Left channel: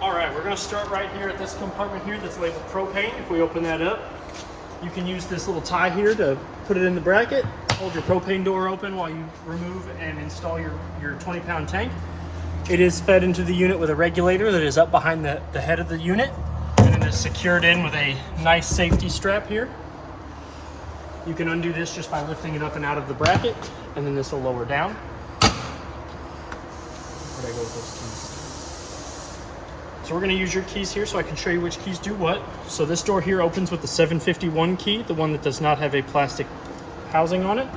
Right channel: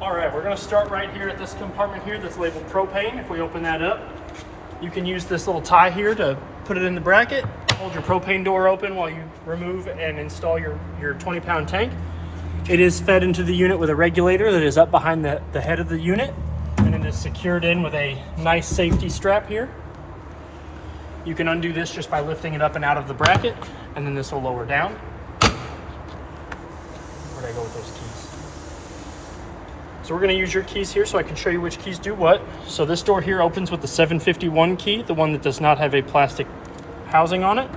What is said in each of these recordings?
All right, we're gonna start right here at this compartment here that's labeled propane. If we open that up, you can use this little tie here to put it in the bracket, hold your propane door open while you remove and install your 20-pound tank. It is fed into the unit with a regulator that is up behind the head of the unit, and it is secured in with a nice safety strap here. You can undo this just by lifting it up and out of the bracket, and then this will lower down. There I go with those keys. So we're going to use your keys here so I can show you which keys do what. So this door here opens with the 751 key, the one that does not have a plastic housing on it.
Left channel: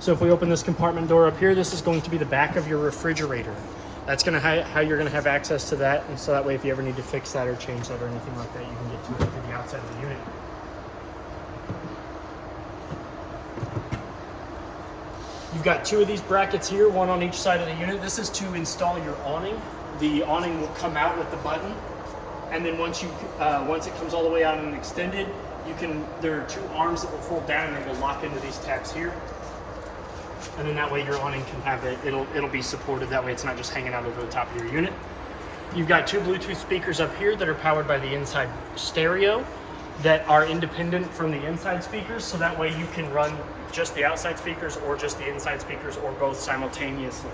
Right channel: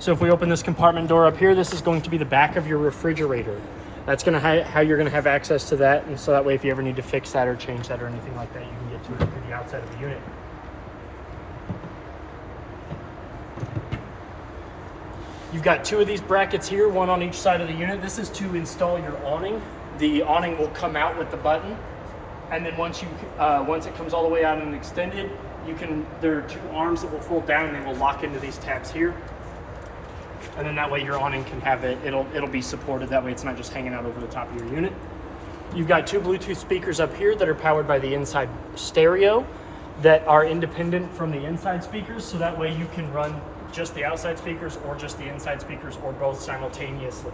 So if we open this compartment door up here, this is going to be the back of your refrigerator. That's going to how you're going to have access to that, and so that way if you ever need to fix that or change that or anything like that, you can get to it through the outside of the unit. You've got two of these brackets here, one on each side of the unit. This is to install your awning. The awning will come out with the button, and then once it comes all the way out and extended, there are two arms that will fold down and they will lock into these tabs here. And then that way your awning can have it'll be supported. That way it's not just hanging out over the top of your unit. You've got two Bluetooth speakers up here that are powered by the inside stereo that are independent from the inside speakers. So that way you can run just the outside speakers or just the inside speakers or both simultaneously.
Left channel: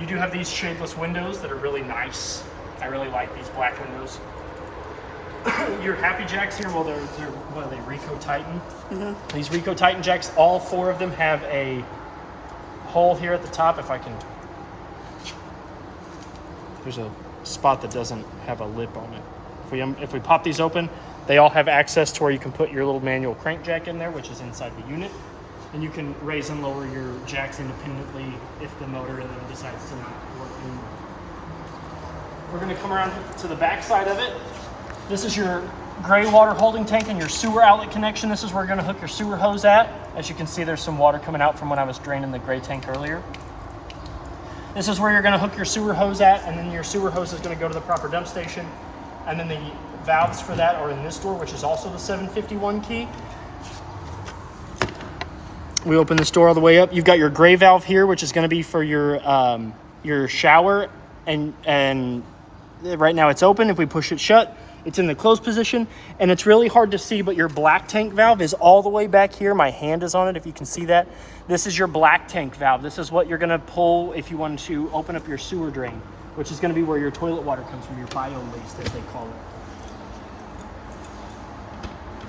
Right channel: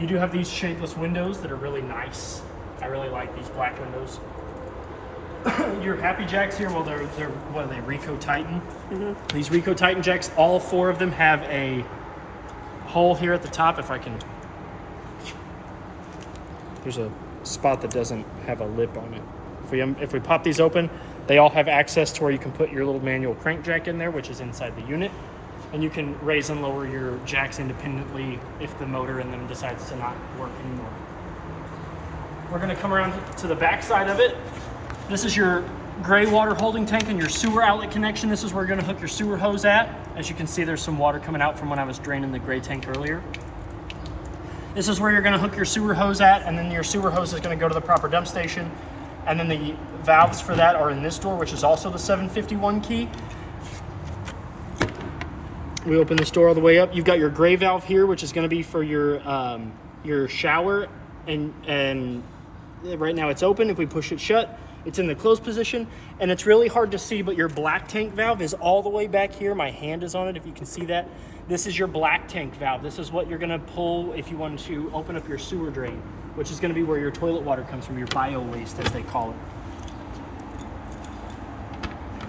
You do have these shapeless windows that are really nice. I really like these black windows. Your Happy Jacks here, well, they're what are they, Rico Titan? Mm-hmm. These Rico Titan jacks, all four of them have a hole here at the top. If I can, there's a spot that doesn't have a lip on it. If we pop these open, they all have access to where you can put your little manual crank jack in there, which is inside the unit. And you can raise and lower your jacks independently if the motor in them decides to not work anymore. We're gonna come around to the back side of it. This is your gray water holding tank and your sewer outlet connection. This is where we're gonna hook your sewer hose at. As you can see, there's some water coming out from when I was draining the gray tank earlier. This is where you're gonna hook your sewer hose at, and then your sewer hose is gonna go to the proper dump station. And then the valves for that are in this door, which is also the 751 key. We open this door all the way up. You've got your gray valve here, which is going to be for your shower, and right now it's open. If we push it shut, it's in the closed position, and it's really hard to see, but your black tank valve is all the way back here. My hand is on it, if you can see that. This is your black tank valve. This is what you're going to pull if you want to open up your sewer drain, which is going to be where your toilet water comes from, your bio waste, as they call it.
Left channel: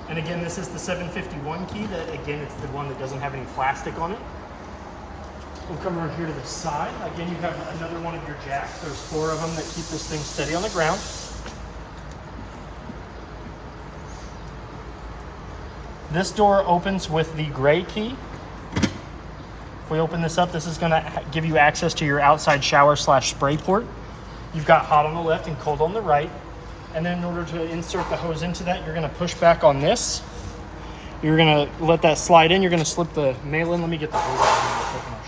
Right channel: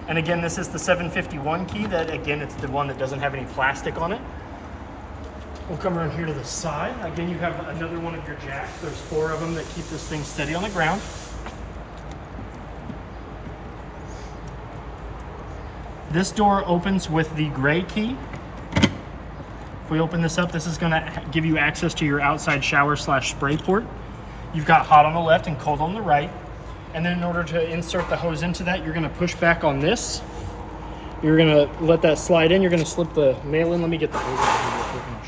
And again, this is the 751 key. That again, it's the one that doesn't have any plastic on it. We'll come around here to the side. Again, you have another one of your jacks. There's four of them that keep this thing steady on the ground. This door opens with the gray key. If we open this up, this is gonna give you access to your outside shower / spray port. You've got hot on the left and cold on the right. And then in order to insert the hose into that, you're gonna push back on this. You're gonna let that slide in. You're gonna slip the nail in. Let me get the hose out real quick and I'll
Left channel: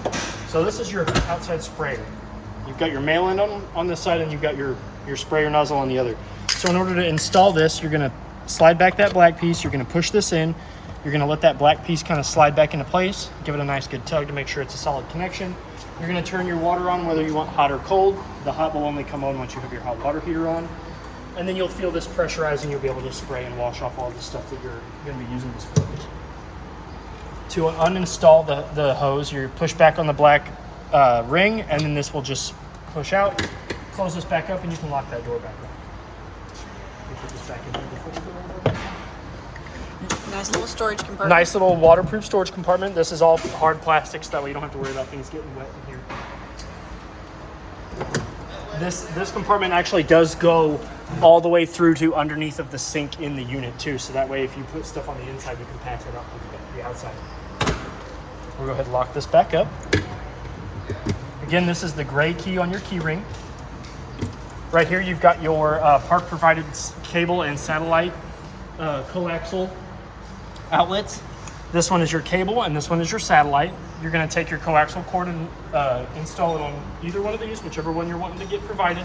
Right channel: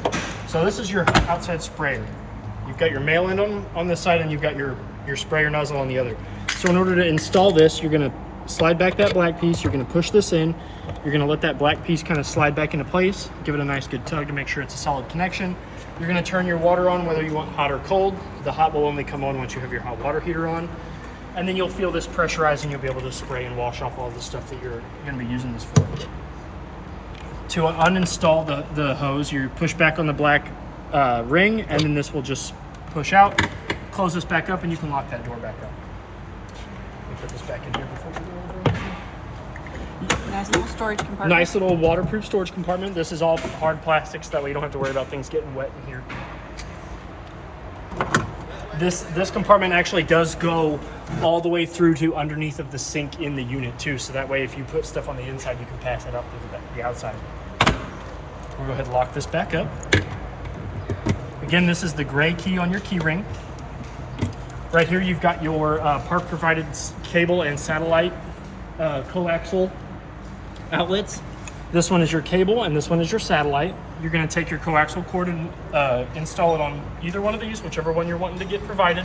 show you. So this is your outside sprayer. You've got your mail in on this side, and you've got your sprayer nozzle on the other. So in order to install this, you're gonna slide back that black piece. You're gonna push this in. You're gonna let that black piece kind of slide back into place. Give it a nice good tug to make sure it's a solid connection. You're gonna turn your water on whether you want hot or cold. The hot will only come on once you have your hot water heater on. And then you'll feel this pressurizing. You'll be able to spray and wash off all the stuff that you're gonna be using this for. To uninstall the hose, you push back on the black ring, and then this will just push out, close this back up, and you can lock that door back up. Let me put this back in here before we go. Nice little storage compartment. Nice little waterproof storage compartment. This is all hard plastics, that way you don't have to worry about things getting wet in here. This compartment actually does go all the way through to underneath of the sink in the unit too, so that way if you put stuff on the inside, you can pass it out to the outside. We'll go ahead and lock this back up. Again, this is the gray key on your key ring. Right here you've got your park provided cable and satellite coaxial outlets. This one is your cable and this one is your satellite. You're going to take your coaxial cord and install it on either one of these, whichever one you're wanting to get provided,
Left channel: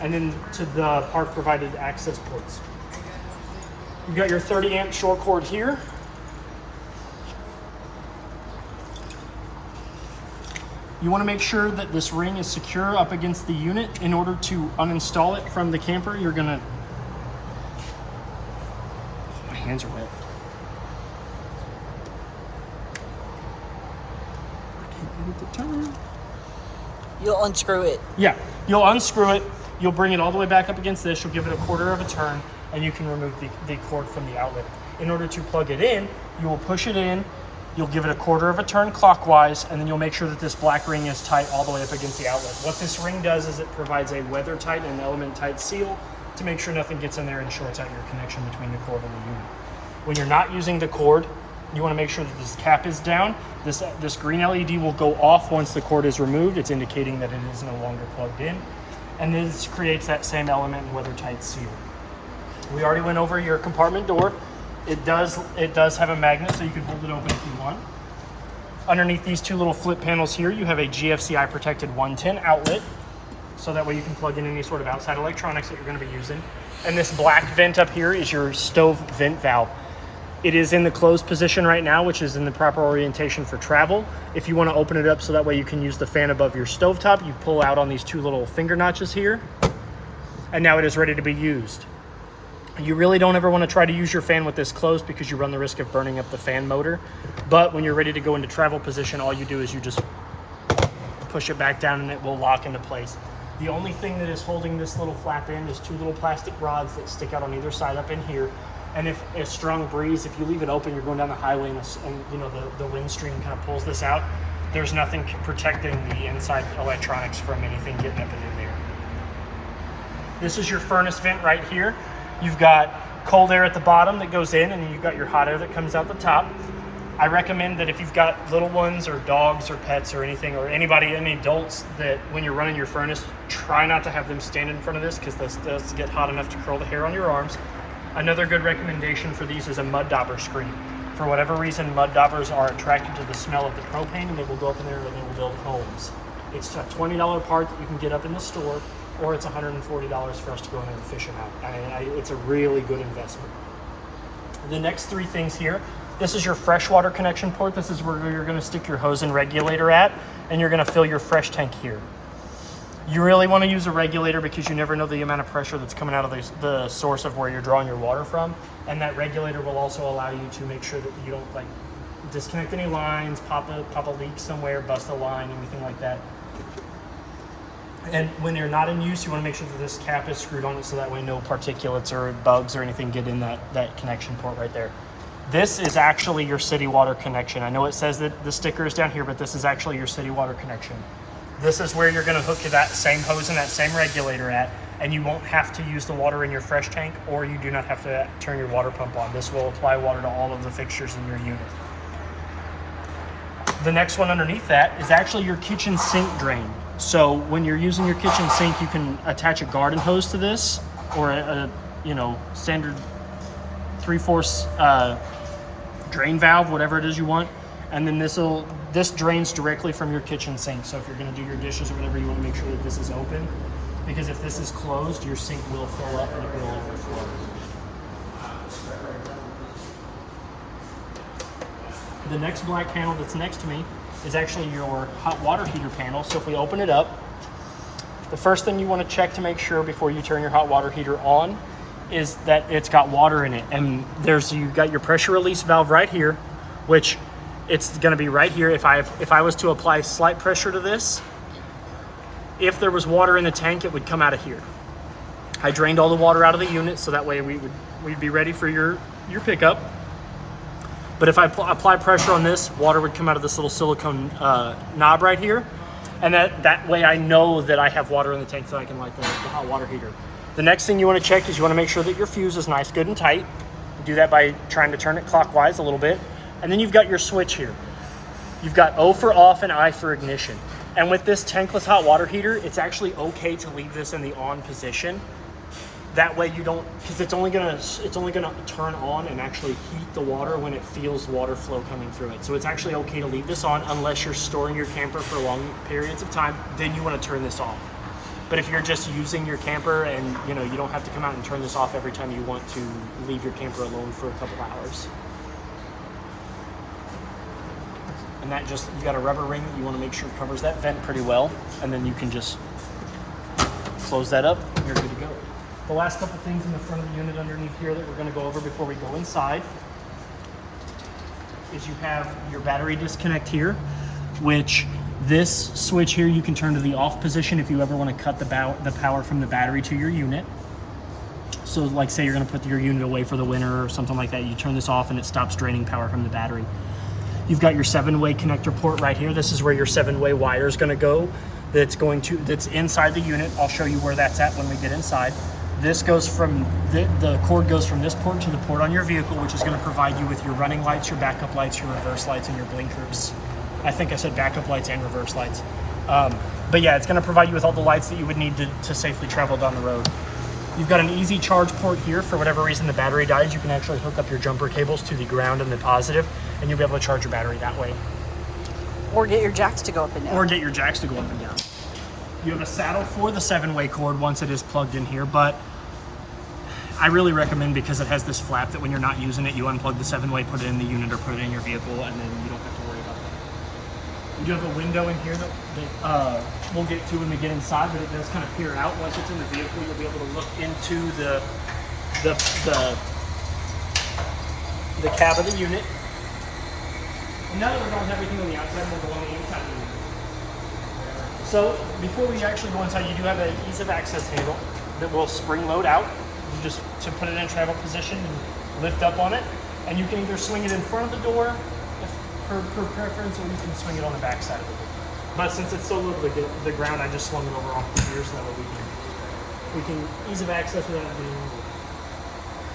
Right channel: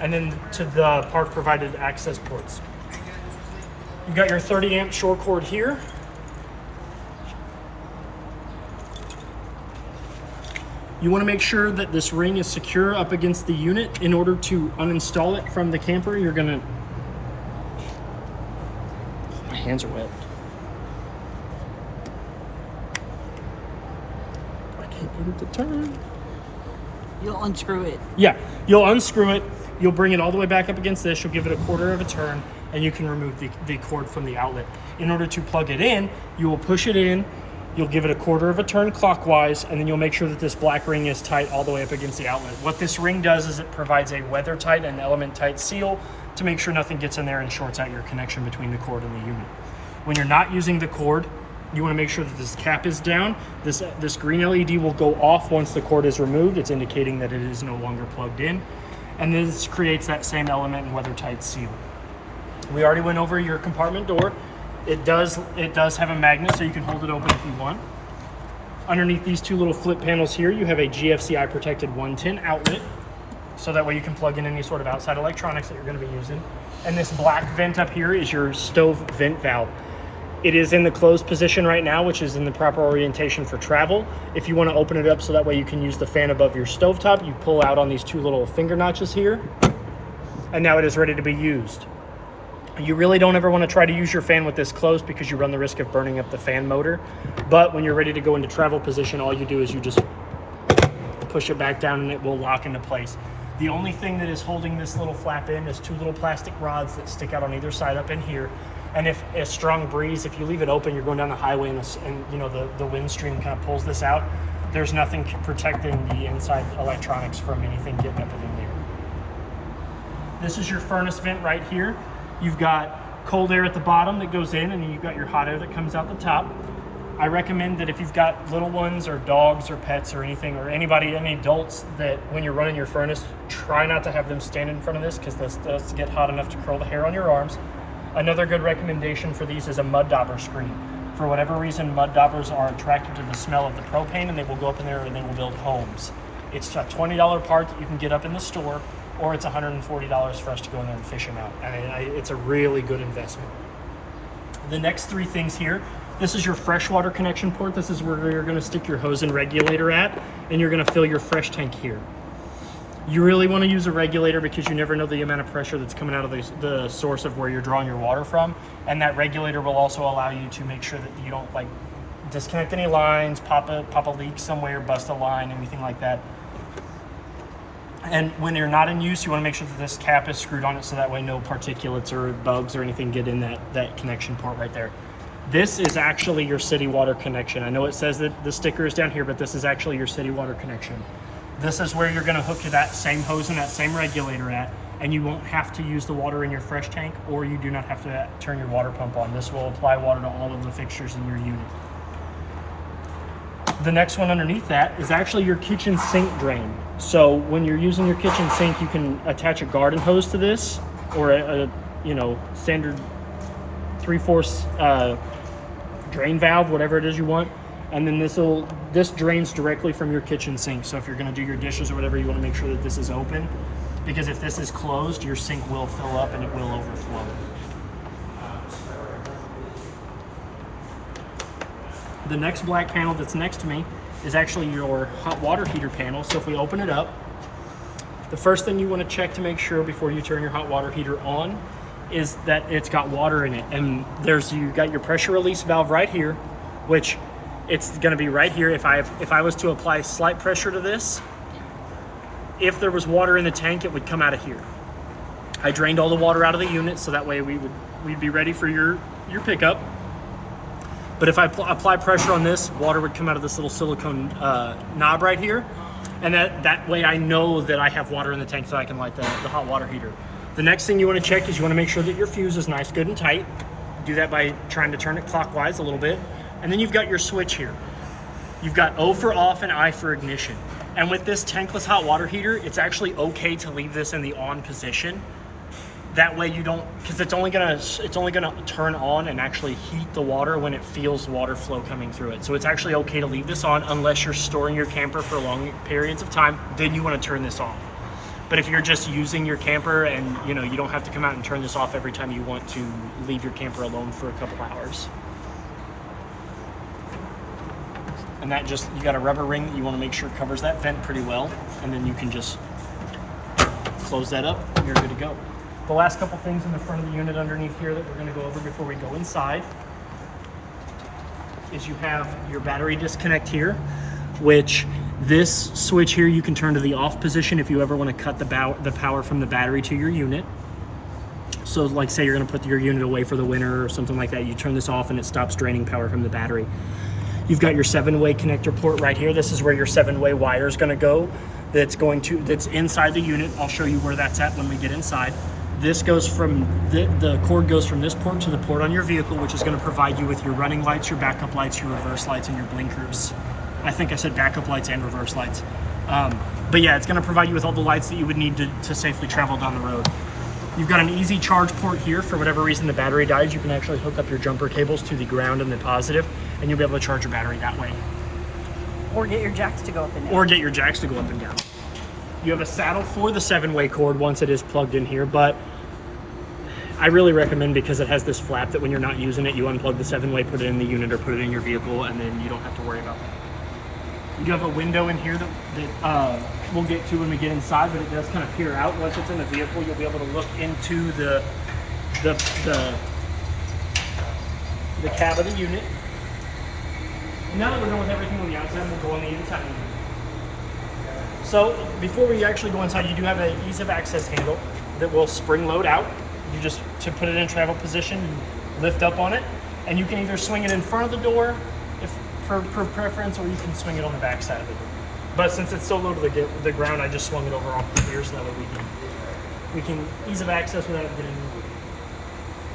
and then to the park provided access ports. You've got your 30 amp short cord here. You want to make sure that this ring is secure up against the unit. In order to uninstall it from the camper, you're gonna, my hands are wet. I can't get it to turn. You'll unscrew it. Yeah, you'll unscrew it. You'll bring it all the way back up against this. You'll give it a quarter of a turn, and you can remove the cord from the outlet. In order to plug it in, you will push it in. You'll give it a quarter of a turn clockwise, and then you'll make sure that this black ring is tight all the way up against the outlet. What this ring does is it provides a weather tight and element tight seal to make sure nothing gets in there and shorts out your connection between the cord and the unit. When you're not using the cord, you want to make sure that this cap is down. This green LED will go off once the cord is removed. It's indicating that it is no longer plugged in. And this creates that same element and weather tight seal. We already went over your compartment door. It does have a magnet, so you can hold it open if you want. Underneath these two little flip panels here, you have a GFCI protected 110 outlet, so that way you can plug in any sort of outside electronics that you're going to be using. And this black vent up here is your stove vent valve. It is in the closed position right now, which is in the proper orientation for travel. If you want to open it up so that way you can use the fan above your stovetop, you pull out on these two little finger notches here, and now it is ready to be used. You really don't ever want to try to use your fan with this closed because you run the risk of burning up the fan motor. But when you're ready to go into travel position, all you do is you just push it back down and it will lock into place. The only thing that is holding this little flap in is two little plastic rods that stick out on either side up in here. And if a strong breeze, if you leave it open, you're going down the highway and you know the wind stream kind of pulls this out, there's nothing protecting the inside electronics from anything getting up and in there. This is your furnace vent right here. You've got cold air at the bottom that goes in, and then you've got your hot air that comes out the top. I recommend that if you've got little ones or dogs or pets or anything, or anybody, any adults, that when you're running your furnace, try not to have them stand in front of this because this does get hot enough to curl the hair on your arms. Another good recommendation for these is a mud dauber screen. For whatever reason, mud daubers are attracted to the smell of the propane, and they will go up in there and they will build homes. It's a $20 part that you can get up in the store, or it's $140 for us to go in there and fish them out. It's a really good investment. The next three things here, this is your freshwater connection port. This is where you're gonna stick your hose and regulator at, and you're gonna fill your fresh tank here. You really wanna use a regulator because you never know the amount of pressure that's coming out of the source of where you're drawing your water from. And that regulator will also allow you to make sure that you don't like disconnect any lines, pop a leak somewhere, bust a line, anything like that. And when you're not in use, you want to make sure that this cap is screwed on it so that way no particulates or bugs or anything get in that connection port right there. This is actually your city water connection. I know it says that the sticker is down here, but this is actually your city water connection. This is where you're going to hook that same hose and that same regulator at, and you won't have to use the water in your fresh tank, or you do not have to turn your water pump on. This will apply water to all of the fixtures in your unit. The next one underneath that is actually your kitchen sink drain. So when you're using your kitchen sink, you can attach a garden hose to this, or a standard 3/4 drain valve, whatever it is you want. And then this drains directly from your kitchen sink. So if you're gonna do your dishes or whatever, you wanna make sure that this is open, because if this is closed, your sink will fill up and it will overflow. The next black panel that's next to me is actually your hot water heater panel. So if we open it up, the first thing you want to check to make sure before you turn your hot water heater on is that it's got water in it. And you've got your pressure release valve right here, which it's going to be right here. If I was to apply slight pressure to this, if there was water in the tank, it would come out of here. I drained all the water out of the unit so that way we'd be ready for your pickup. But if I apply pressure on this, water would come out of this little silicone knob right here. And that way I know that I have water in the tank so I can light the hot water heater. The next thing you want to check is you want to make sure that your fuse is nice, good, and tight. Do that by trying to turn it clockwise a little bit. And then you've got your switch here. You've got O for off and I for ignition. And with this tankless hot water heater, it's actually okay to leave this in the on position. That way you don't, because it's only gonna turn on and actually heat the water when it feels water flow coming through it. So it's actually okay to leave this on unless you're storing your camper for long periods of time. Then you want to turn this off. But if you're just using your camper and you don't have to come out and turn this off every time you want to leave your camper alone for a couple hours. And that just, you got a rubber ring that you want to make sure covers that vent pretty well. And then you can just close that up and you're good to go. The last couple things in the front of the unit underneath here that we're going to go over before we go inside is you have your battery disconnect here, which this switch here you can turn to the off position if you ever want to cut the power from the battery to your unit. So like say you're going to put your unit away for the winter or something like that, you turn this off and it stops draining power from the battery. You've got your 7-way connector port right here. This is where your 7-way wire is going to go. That's inside the unit. I'll show you where that's at when we get inside. This goes from, the cord goes from this port to the port on your vehicle, which is going to provide you with your running lights, your backup lights, your reverse lights, and your blinkers. I think I said backup lights and reverse lights. But yeah, it's going to provide you with all the lights that you would need to safely travel down the road. You've got an easy charge port here. For whatever reason the battery dies, you can actually hook up your jumper cables to the ground and the positive, and you'll be able to charge your battery that way. Or get your jacks to go up and down. You have a saddle for the 7-way cord once it is plugged in here, but I really recommend, because it has this flap, that when you're not using it, you unplug the 7-way, put it in the unit or put it in your vehicle, and then you don't have to worry about that. You do have a window in here that we'll get to when we get inside, but it does kind of peer out. Once it's in the vehicle, you'll be able to look into the cab of the unit. Now that we're going with everything on the outside, we'll go on the inside of the unit. So before we actually go inside, you do have an ease of access handle that will spring load out. You just, to put it in travel position, you lift up on it, and you can either swing it in front of the door for preference, or you can swing it on the back side of the door. But since it's so low to the ground, I just swung it over off the here, so that way we can ease of access without it getting moved.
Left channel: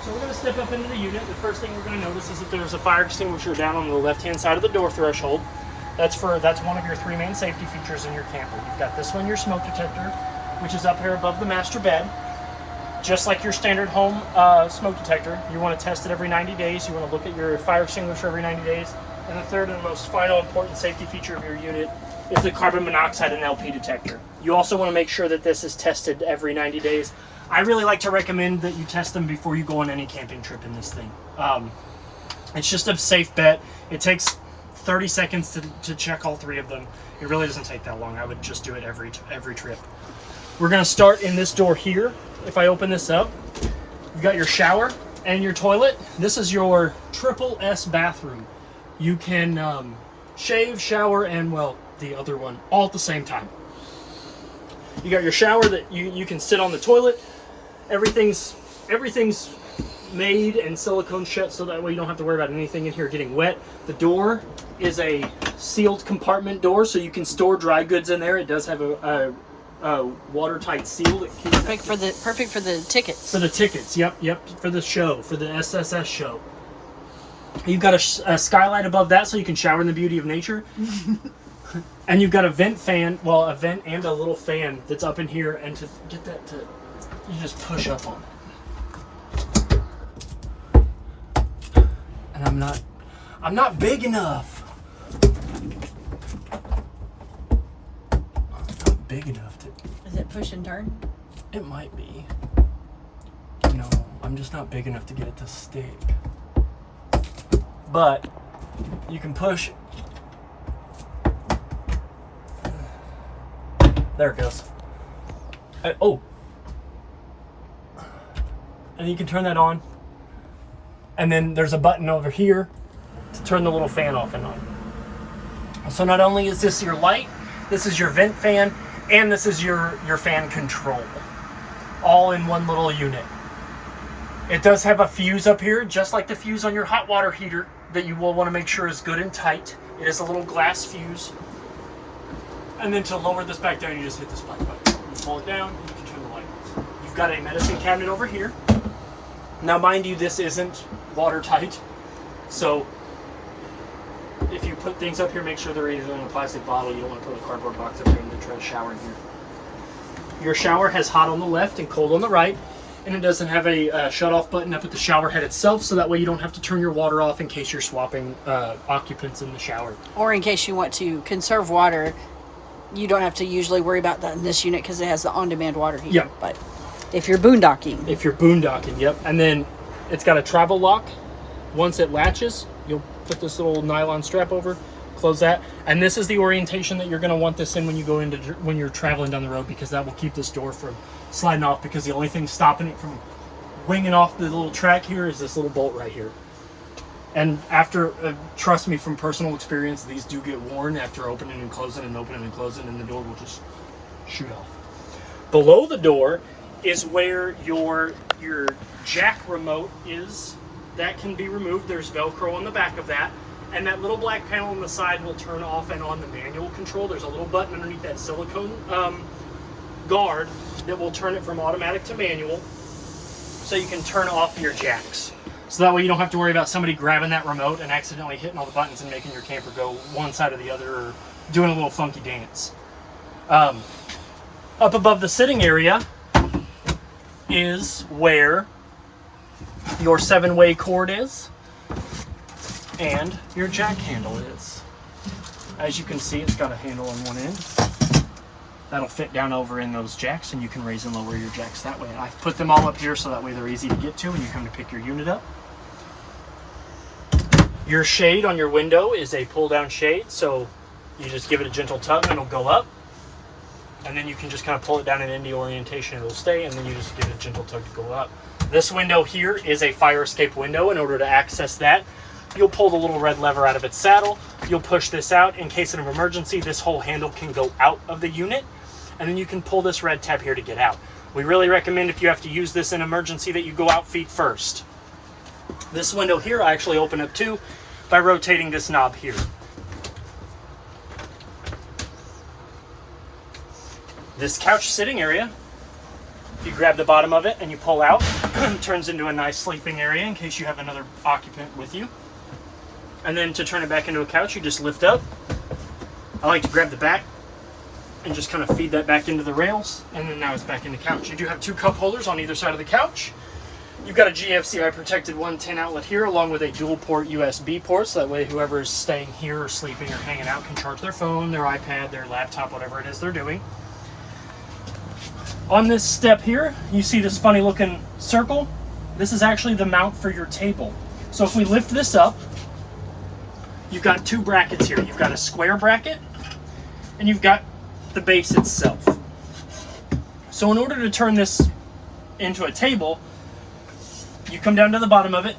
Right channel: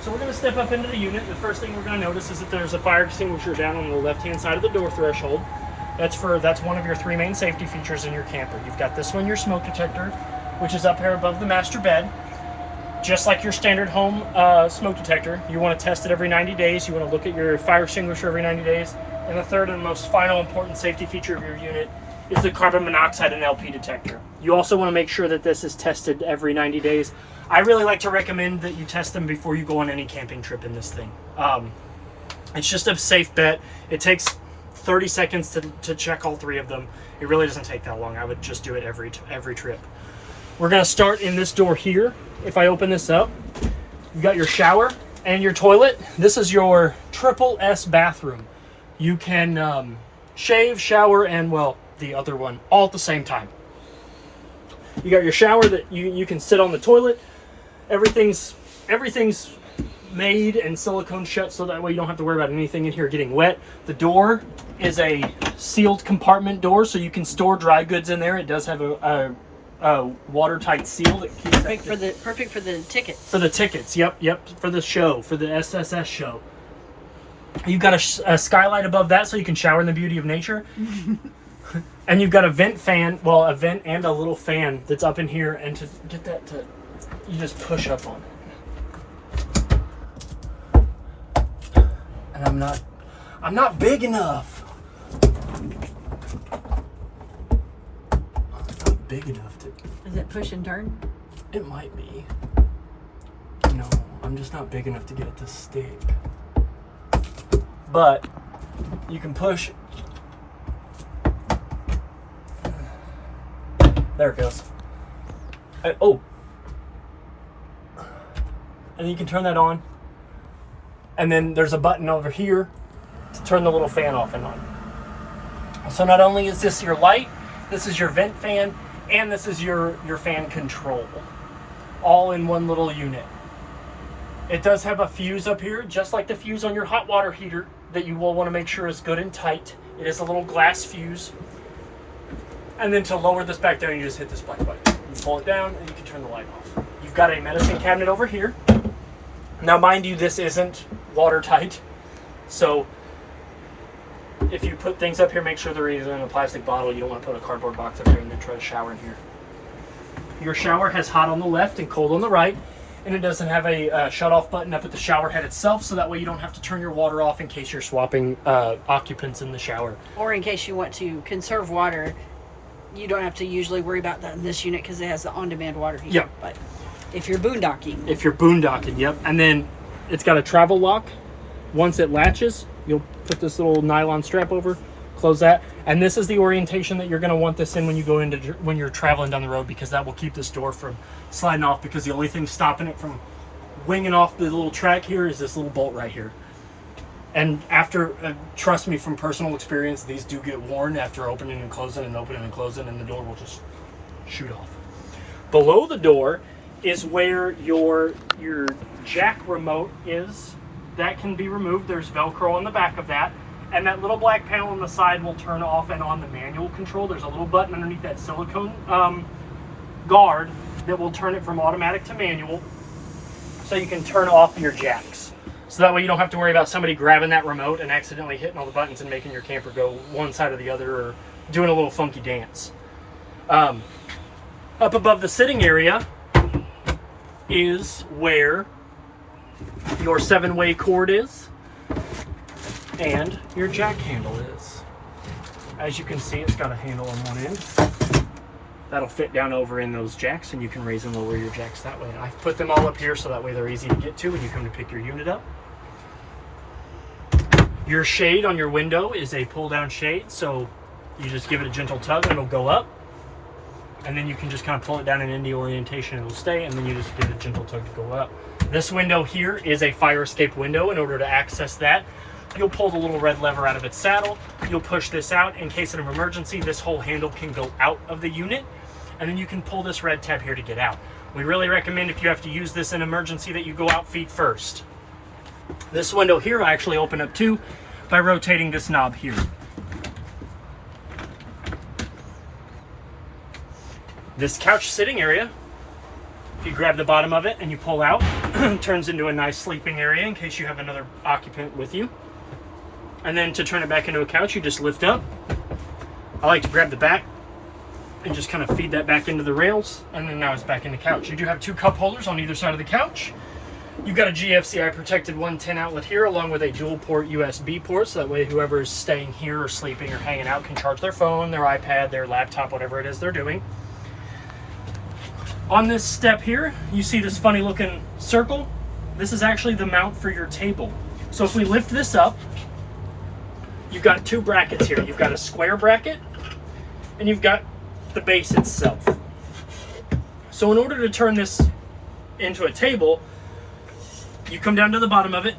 So we're going to step up into the unit. The first thing we're going to notice is that there's a fire extinguisher down on the left-hand side of the door threshold. That's one of your 3 main safety features in your camper. You've got this one, your smoke detector, which is up here above the master bed. Just like your standard home smoke detector, you want to test it every 90 days. You want to look at your fire extinguisher every 90 days. And the third and most final important safety feature of your unit is the carbon monoxide and LP detector. You also want to make sure that this is tested every 90 days. I really like to recommend that you test them before you go on any camping trip in this thing. It's just a safe bet. It takes 30 seconds to check all 3 of them. It really doesn't take that long. I would just do it every trip. We're going to start in this door here. If I open this up, you've got your shower and your toilet. This is your triple S bathroom. You can shave, shower, and, well, the other one all at the same time. You got your shower that you can sit on the toilet. Everything's made and silicone shut, so that way you don't have to worry about anything in here getting wet. The door is a sealed compartment door, so you can store dry goods in there. It does have a watertight seal that keeps perfect for the tickets. For the tickets, yep, for the show, for the SSS show. You've got a skylight above that, so you can shower in the beauty of nature. And you've got a vent fan, well, a vent and a little fan that's up in here, and to get that to, you just push up on it. And I'm not big enough. I'm not big enough to. Is it push and turn? It might be. No, I'm just not big enough to get it to stick. But you can push. There it goes. Oh. And you can turn that on. And then there's a button over here to turn the little fan off and on. So not only is this your light, this is your vent fan, and this is your fan control. All in one little unit. It does have a fuse up here, just like the fuse on your hot water heater, that you will want to make sure is good and tight. It is a little glass fuse. And then to lower this back down, you just hit this black button. You pull it down and you can turn the light off. You've got a medicine cabinet over here. Now mind you, this isn't watertight. So if you put things up here, make sure they're either in a plastic bottle. You don't want to put a cardboard box up here and then try to shower in here. Your shower has hot on the left and cold on the right. And it doesn't have a shut-off button up at the shower head itself, so that way you don't have to turn your water off in case you're swapping occupants in the shower. Or in case you want to conserve water, you don't have to usually worry about that in this unit because it has the on-demand water heater. Yep. But if you're boondocking. Yep. And then it's got a travel lock. Once it latches, you'll put this little nylon strap over, close that. And this is the orientation that you're going to want this in when you go into, when you're traveling down the road, because that will keep this door from sliding off, because the only thing stopping it from winging off the little track here is this little bolt right here. And after, trust me from personal experience, these do get worn after opening and closing and opening and closing, and the door will just shoot off. Below the door is where your jack remote is. That can be removed. There's Velcro on the back of that. And that little black panel on the side will turn off and on the manual control. There's a little button underneath that silicone guard that will turn it from automatic to manual, so you can turn off your jacks. So that way you don't have to worry about somebody grabbing that remote and accidentally hitting all the buttons and making your camper go one side or the other, or doing a little funky dance. Up above the sitting area is where your 7-way cord is and your jack handle is. As you can see, it's got a handle on one end. That'll fit down over in those jacks, and you can raise and lower your jacks that way. I've put them all up here so that way they're easy to get to when you come to pick your unit up. Your shade on your window is a pull-down shade, so you just give it a gentle tug and it'll go up. And then you can just kind of pull it down in any orientation, it'll stay, and then you just give it a gentle tug to go up. This window here is a fire escape window. In order to access that, you'll pull the little red lever out of its saddle. You'll push this out. In case of an emergency, this whole handle can go out of the unit, and then you can pull this red tab here to get out. We really recommend, if you have to use this in emergency, that you go out feet first. This window here I actually open up too by rotating this knob here. This couch sitting area, if you grab the bottom of it and you pull out, it turns into a nice sleeping area in case you have another occupant with you. And then to turn it back into a couch, you just lift up. I like to grab the back and just kind of feed that back into the rails, and then now it's back in the couch. You do have 2 cup holders on either side of the couch. You've got a GFCI protected 110 outlet here, along with a dual port USB port, so that way whoever's staying here or sleeping or hanging out can charge their phone, their iPad, their laptop, whatever it is they're doing. On this step here, you see this funny looking circle. This is actually the mount for your table. So if we lift this up, you've got 2 brackets here. You've got a square bracket, and you've got the base itself. So in order to turn this into a table, you come down to the bottom of it,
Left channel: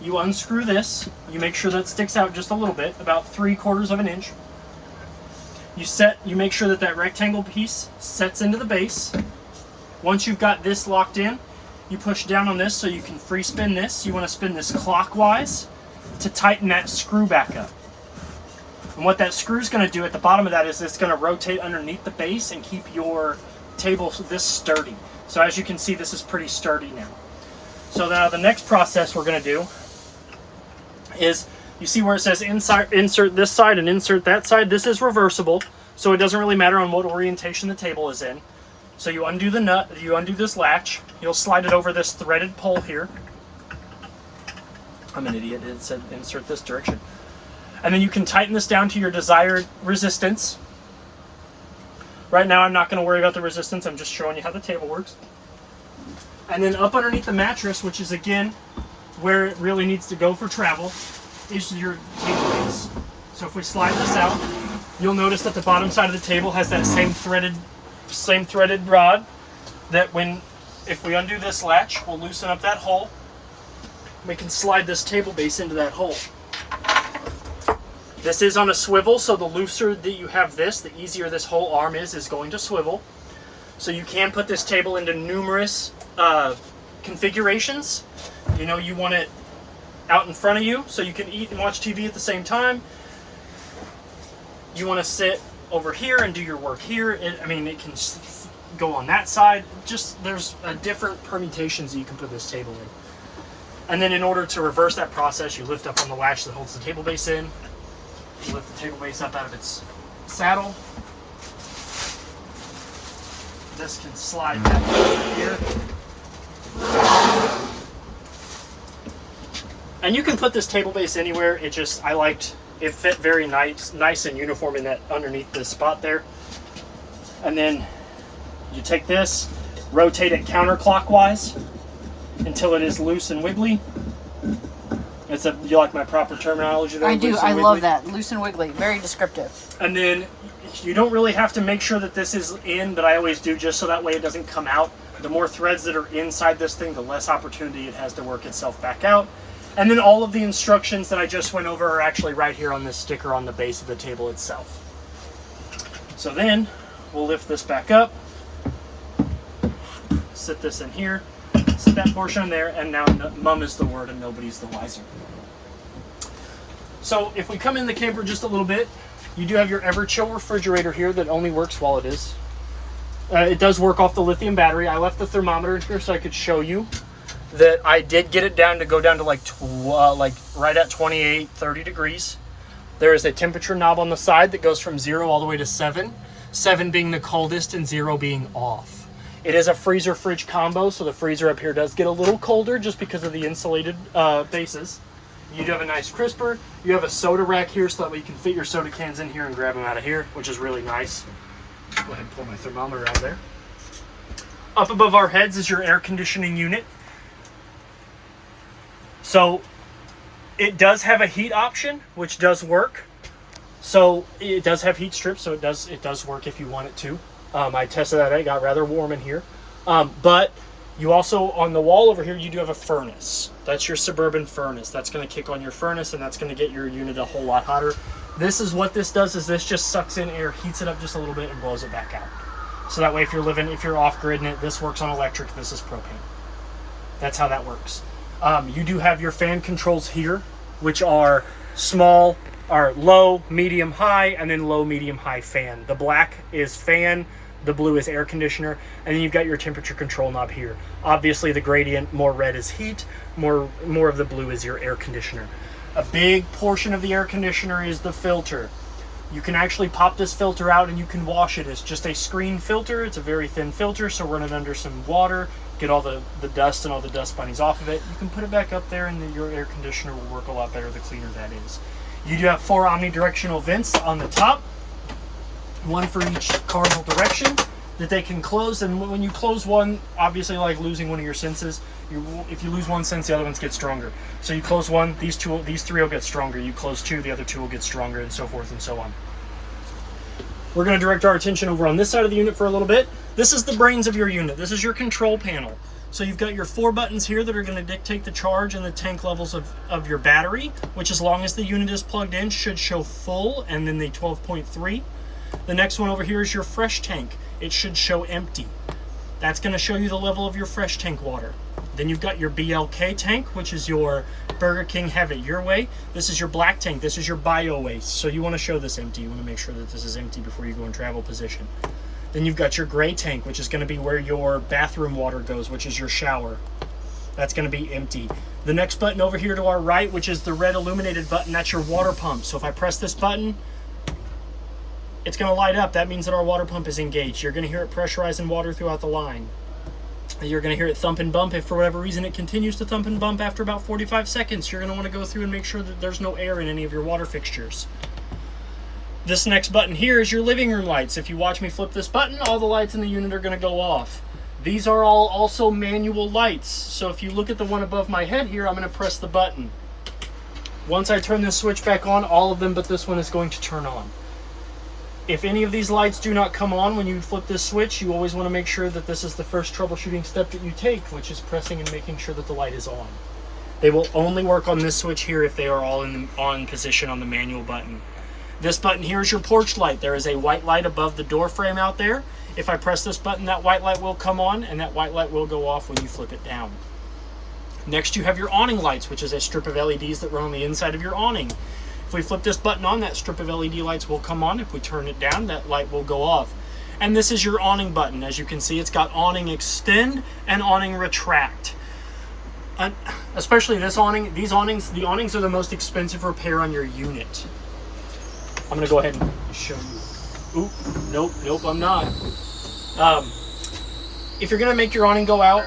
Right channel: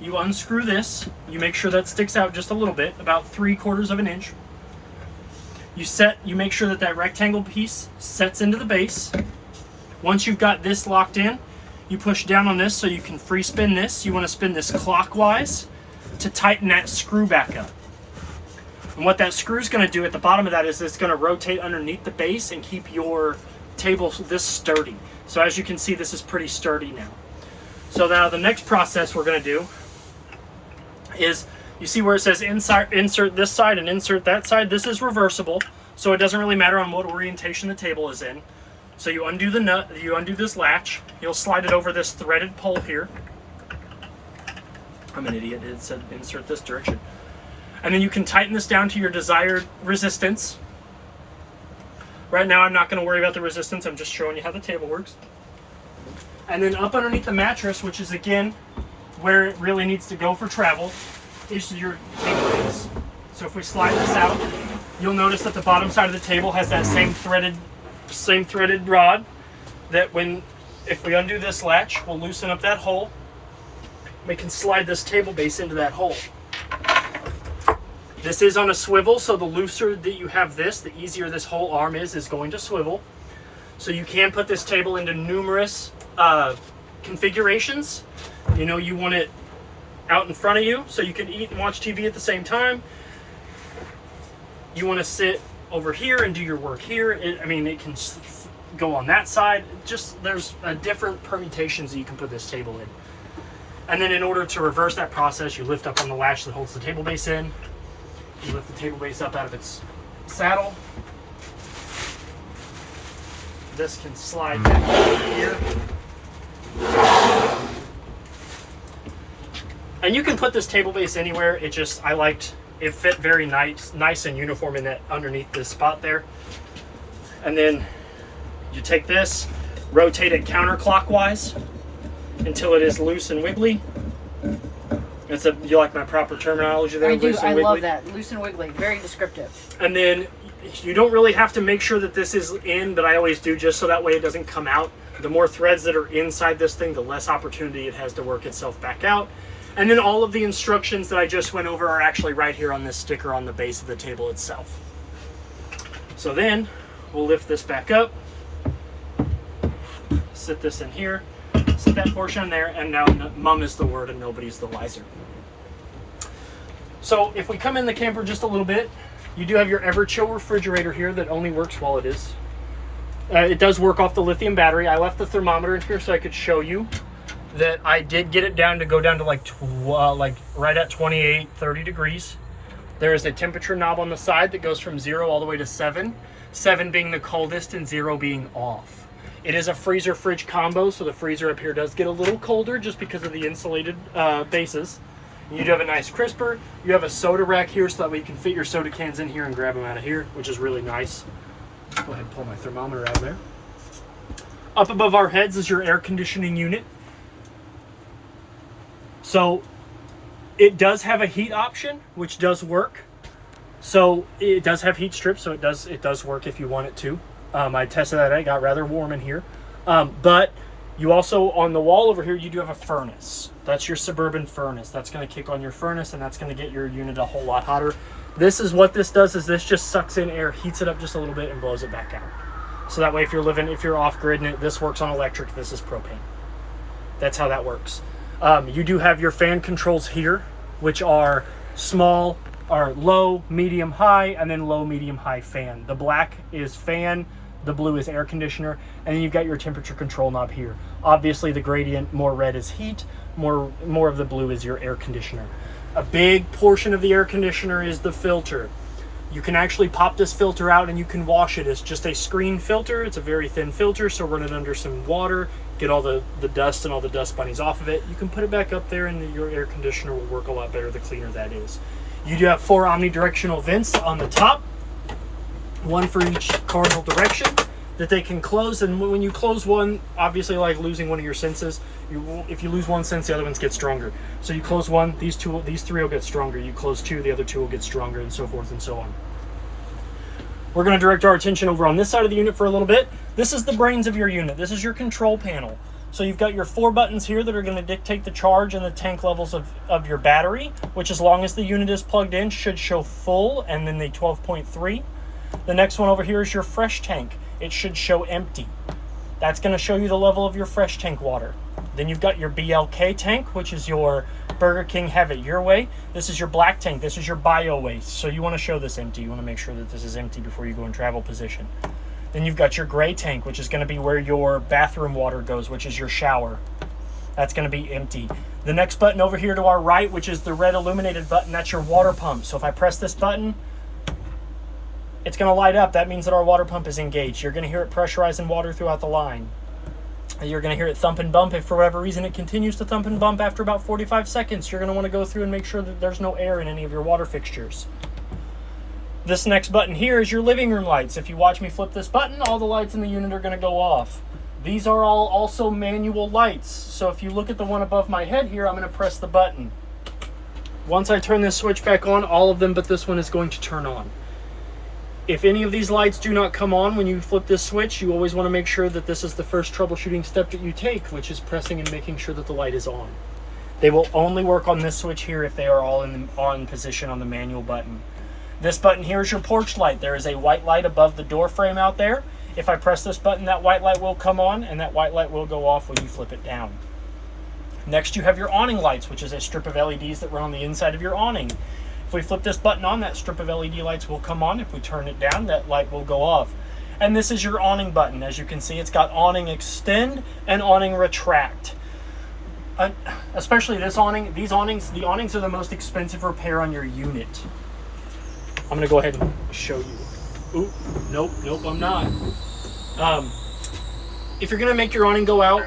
you unscrew this, you make sure that sticks out just a little bit, about 3/4 of an inch. You make sure that that rectangle piece sets into the base. Once you've got this locked in, you push down on this so you can free spin this. You want to spin this clockwise to tighten that screw back up. And what that screw is going to do at the bottom of that is it's going to rotate underneath the base and keep your table this sturdy. So as you can see, this is pretty sturdy now. So now the next process we're going to do is, you see where it says insert this side and insert that side? This is reversible, so it doesn't really matter on what orientation the table is in. So you undo the nut, you undo this latch, you'll slide it over this threaded pole here. I'm an idiot, it said insert this direction. And then you can tighten this down to your desired resistance. Right now I'm not going to worry about the resistance, I'm just showing you how the table works. And then up underneath the mattress, which is again where it really needs to go for travel, is your table base. So if we slide this out, you'll notice that the bottom side of the table has that same threaded rod that if we undo this latch, we'll loosen up that hole. We can slide this table base into that hole. This is on a swivel, so the looser that you have this, the easier this whole arm is going to swivel. So you can put this table into numerous configurations. You know, you want it out in front of you so you can eat and watch TV at the same time. You want to sit over here and do your work here. It can go on that side. Just there's different permutations that you can put this table in. And then in order to reverse that process, you lift up on the latch that holds the table base in. You lift the table base up out of its saddle. This can slide back over here. And you can put this table base anywhere. It fit very nice and uniform in that underneath this spot there. And then you take this, rotate it counterclockwise until it is loose and wiggly. And You like my proper terminology there? I do. Loose and I wiggly? love that. Loose and wiggly. Very descriptive. And then you don't really have to make sure that this is in, but I always do just so that way it doesn't come out. The more threads that are inside this thing, the less opportunity it has to work itself back out. And then all of the instructions that I just went over are actually right here on this sticker on the base of the table itself. So then we'll lift this back up, sit this in here, sit that portion there, and now mum is the word and nobody's the wiser. So if we come in the camper just a little bit, you do have your ever-chill refrigerator here that only works while it is. It does work off the lithium battery. I left the thermometer in here so I could show you that I did get it down to go down to like right at 28, 30 degrees. There is a temperature knob on the side that goes from 0 all the way to 7. 7 being the coldest and 0 being off. It is a freezer fridge combo, so the freezer up here does get a little colder just because of the insulated bases. You do have a nice crisper. You have a soda rack here so that way you can fit your soda cans in here and grab them out of here, which is really nice. Go ahead and pull my thermometer out of there. Up above our heads is your air conditioning unit. So it does have a heat option, which does work. So it does have heat strips, so it does work if you want it to. I tested that. It got rather warm in here. But you also, on the wall over here, you do have a furnace. That's your Suburban furnace. That's going to kick on your furnace, and that's going to get your unit a whole lot hotter. This is what this does, is this just sucks in air, heats it up just a little bit, and blows it back out. So that way, if you're off-grid and this works on electric, this is propane. That's how that works. You do have your fan controls here, which are low, medium, high, and then low, medium, high fan. The black is fan, the blue is air conditioner, and then you've got your temperature control knob here. Obviously, the gradient, more red is heat, more of the blue is your air conditioner. A big portion of the air conditioner is the filter. You can actually pop this filter out and you can wash it. It's just a screen filter. It's a very thin filter, so run it under some water, get all the dust and all the dust bunnies off of it. You can put it back up there and your air conditioner will work a lot better the cleaner that is. You do have 4 omnidirectional vents on the top, one for each cardinal direction that they can close. And when you close one, obviously like losing one of your senses, if you lose one sense, the other ones get stronger. So you close one, these 3 will get stronger. You close 2, the other 2 will get stronger, and so forth and so on. We're going to direct our attention over on this side of the unit for a little bit. This is the brains of your unit. This is your control panel. So you've got your 4 buttons here that are going to dictate the charge and the tank levels of your battery, which as long as the unit is plugged in should show full, and then the 12.3. The next one over here is your fresh tank. It should show empty. That's going to show you the level of your fresh tank water. Then you've got your BLK tank, which is your Burger King Have It Your Way. This is your black tank. This is your bio waste. So you want to show this empty. You want to make sure that this is empty before you go in travel position. Then you've got your gray tank, which is going to be where your bathroom water goes, which is your shower. That's going to be empty. The next button over here to our right, which is the red illuminated button, that's your water pump. So if I press this button, it's going to light up. That means that our water pump is engaged. You're going to hear it pressurizing water throughout the line. You're going to hear it thump and bump. If for whatever reason it continues to thump and bump after about 45 seconds, you're going to want to go through and make sure that there's no air in any of your water fixtures. This next button here is your living room lights. If you watch me flip this button, all the lights in the unit are going to go off. These are all also manual lights. So if you look at the one above my head here, I'm going to press the button. Once I turn this switch back on, all of them but this one is going to turn on. If any of these lights do not come on when you flip this switch, you always want to make sure that this is the first troubleshooting step that you take, which is pressing and making sure that the light is on. They will only work on this switch here if they are all in the on position on the manual button. This button here is your porch light. There is a white light above the door frame out there. If I press this button, that white light will come on and that white light will go off when you flip it down. Next, you have your awning lights, which is a strip of LEDs that run on the inside of your awning. If we flip this button on, that strip of LED lights will come on. If we turn it down, that light will go off. And this is your awning button. As you can see, it's got awning extend and awning retract. Especially this awning, the awnings are the most expensive repair on your unit. I'm gonna go ahead and show you. Oop, nope, I'm not. If you're gonna make your awning go out,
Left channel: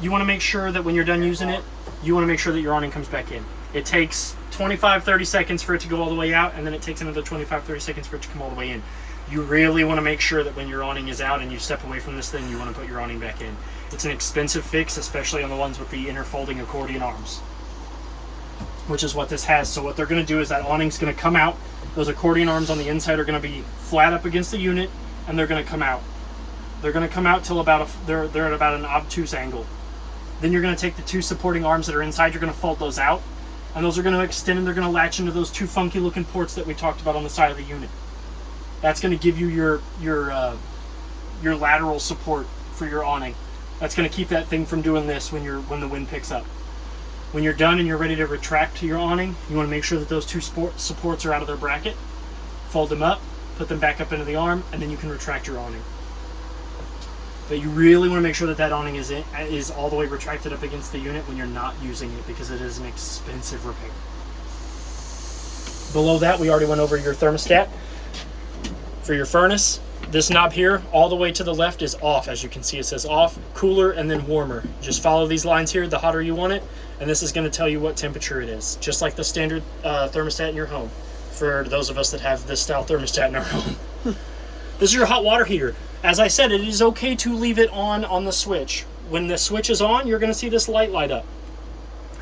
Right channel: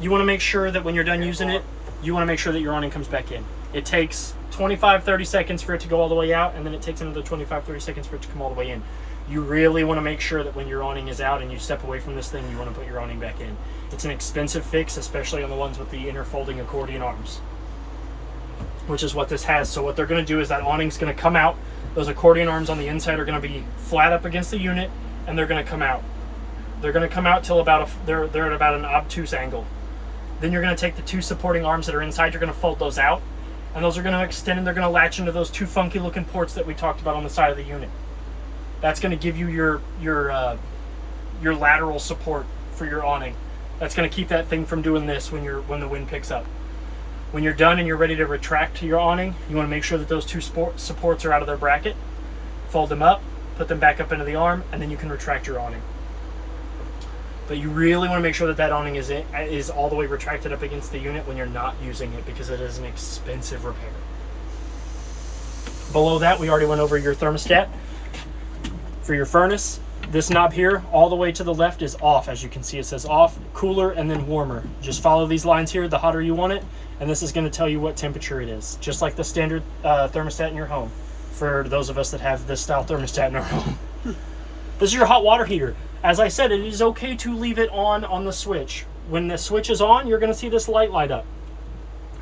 you wanna make sure that when you're done using it, you wanna make sure that your awning comes back in. It takes 25-30 seconds for it to go all the way out, and then it takes another 25-30 seconds for it to come all the way in. You really want to make sure that when your awning is out and you step away from this thing, you want to put your awning back in. It's an expensive fix, especially on the ones with the inner folding accordion arms. which is what this has. So what they're going to do is that awning's going to come out. Those accordion arms on the inside are going to be flat up against the unit, and they're going to come out. They're going to come out till about they're at about an obtuse angle. Then you're going to take the two supporting arms that are inside. You're going to fold those out, and those are going to extend, and they're going to latch into those two funky looking ports that we talked about on the side of the unit. That's going to give you your lateral support for your awning. That's going to keep that thing from doing this when the wind picks up. When you're done and you're ready to retract your awning, you want to make sure that those two supports are out of their bracket. Fold them up, put them back up into the arm, and then you can retract your awning. But you really want to make sure that that awning is all the way retracted up against the unit when you're not using it, because it is an expensive repair. Below that, we already went over your thermostat. For your furnace, this knob here all the way to the left is off. As you can see, it says off, cooler, and then warmer. Just follow these lines here, the hotter you want it, and this is going to tell you what temperature it is, just like the standard thermostat in your home, for those of us that have this style thermostat in our home. This is your hot water heater. As I said, it is okay to leave it on the switch. When the switch is on, you're going to see this light light up.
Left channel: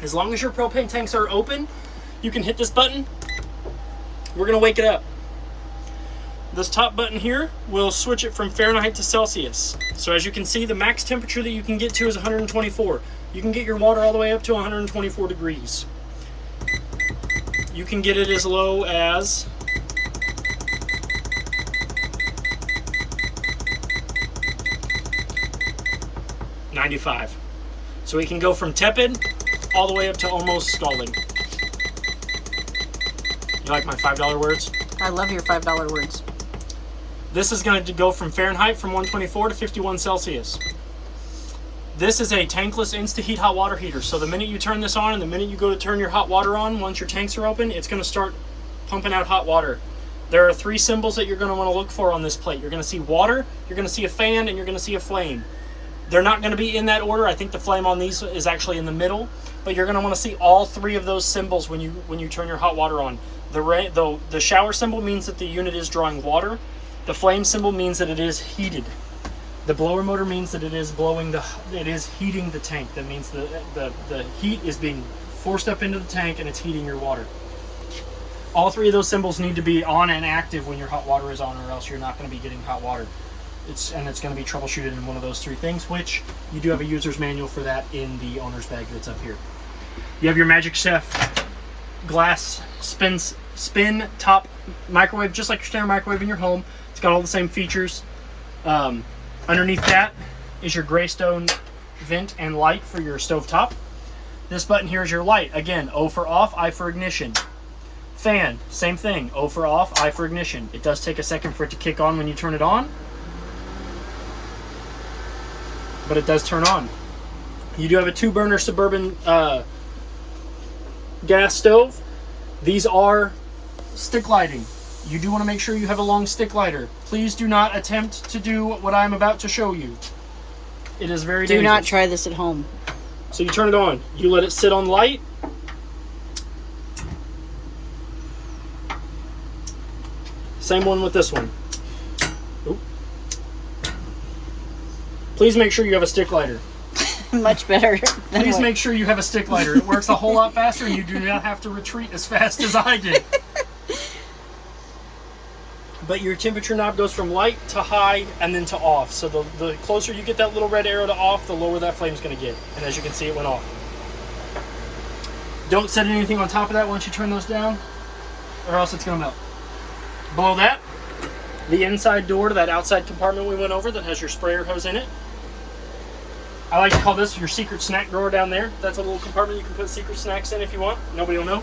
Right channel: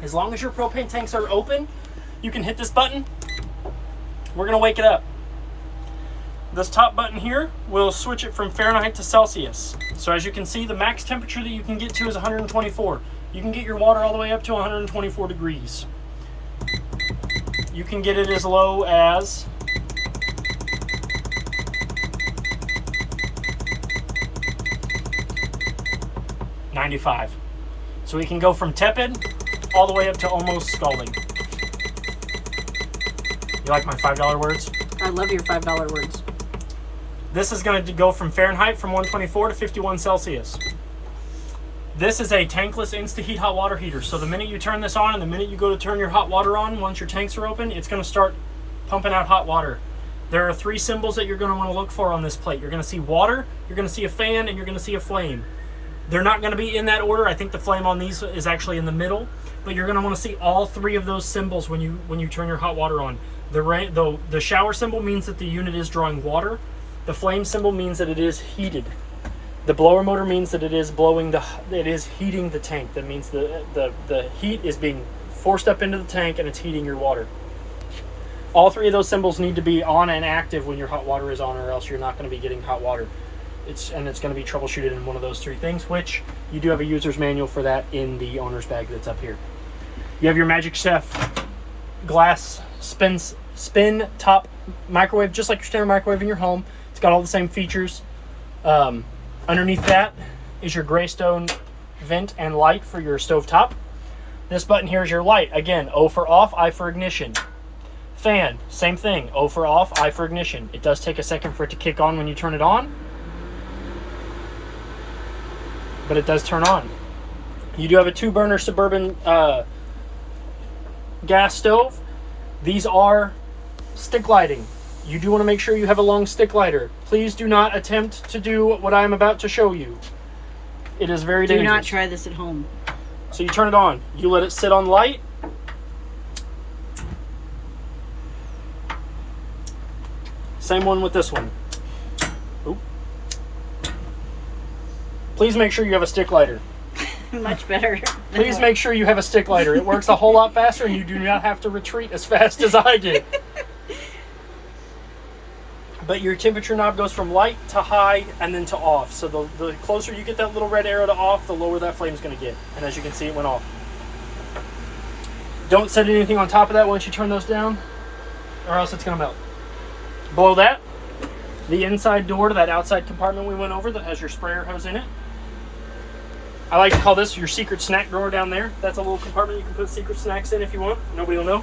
As long as your propane tanks are open, you can hit this button. We're going to wake it up. This top button here will switch it from Fahrenheit to Celsius. So as you can see, the max temperature that you can get to is 124. You can get your water all the way up to 124 degrees. You can get it as low as 95. So we can go from tepid all the way up to almost scalding. You like my $5 words? I love your $5 words. This is going to go from Fahrenheit from 124 to 51 Celsius. This is a tankless InstaHeat hot water heater. So the minute you turn this on and the minute you go to turn your hot water on, once your tanks are open, it's going to start pumping out hot water. There are 3 symbols that you're going to want to look for on this plate. You're going to see water, you're going to see a fan, and you're going to see a flame. They're not going to be in that order. I think the flame on these is actually in the middle, but you're going to want to see all 3 of those symbols when you turn your hot water on. The shower symbol means that the unit is drawing water. The flame symbol means that it is heated. The blower motor means that it is heating the tank. That means the heat is being forced up into the tank and it's heating your water. All 3 of those symbols need to be on and active when your hot water is on, or else you're not going to be getting hot water. It's going to be troubleshooted in one of those 3 things, which you do have a user's manual for that in the owner's bag that's up here. You have your Magic Chef glass spin top microwave, just like your standard microwave in your home. It's got all the same features. Underneath that is your Greystone vent and light for your stove top. This button here is your light. Again, O for off, I for ignition. Fan, same thing. O for off, I for ignition. It does take a second for it to kick on when you turn it on, but it does turn on. You do have a 2-burner Suburban gas stove. These are stick lighting. You do want to make sure you have a long stick lighter. Please do not attempt to do what I'm about to show you. It is very dangerous. Do not try this at home. So you turn it on. You let it sit on light. Same one with this one. Oop. Please make sure you have a stick lighter. Much better. Please make sure you have a stick lighter. It works a whole lot faster, and you do not have to retreat as fast as I did. But your temperature knob goes from light to high and then to off. So the closer you get that little red arrow to off, the lower that flame is going to get. And as you can see, it went off. Don't set anything on top of that once you turn those down, or else it's going to melt. Below that, the inside door to that outside compartment we went over that has your sprayer hose in it. I like to call this your secret snack drawer down there. That's a little compartment you can put secret snacks in if you want. Nobody will know.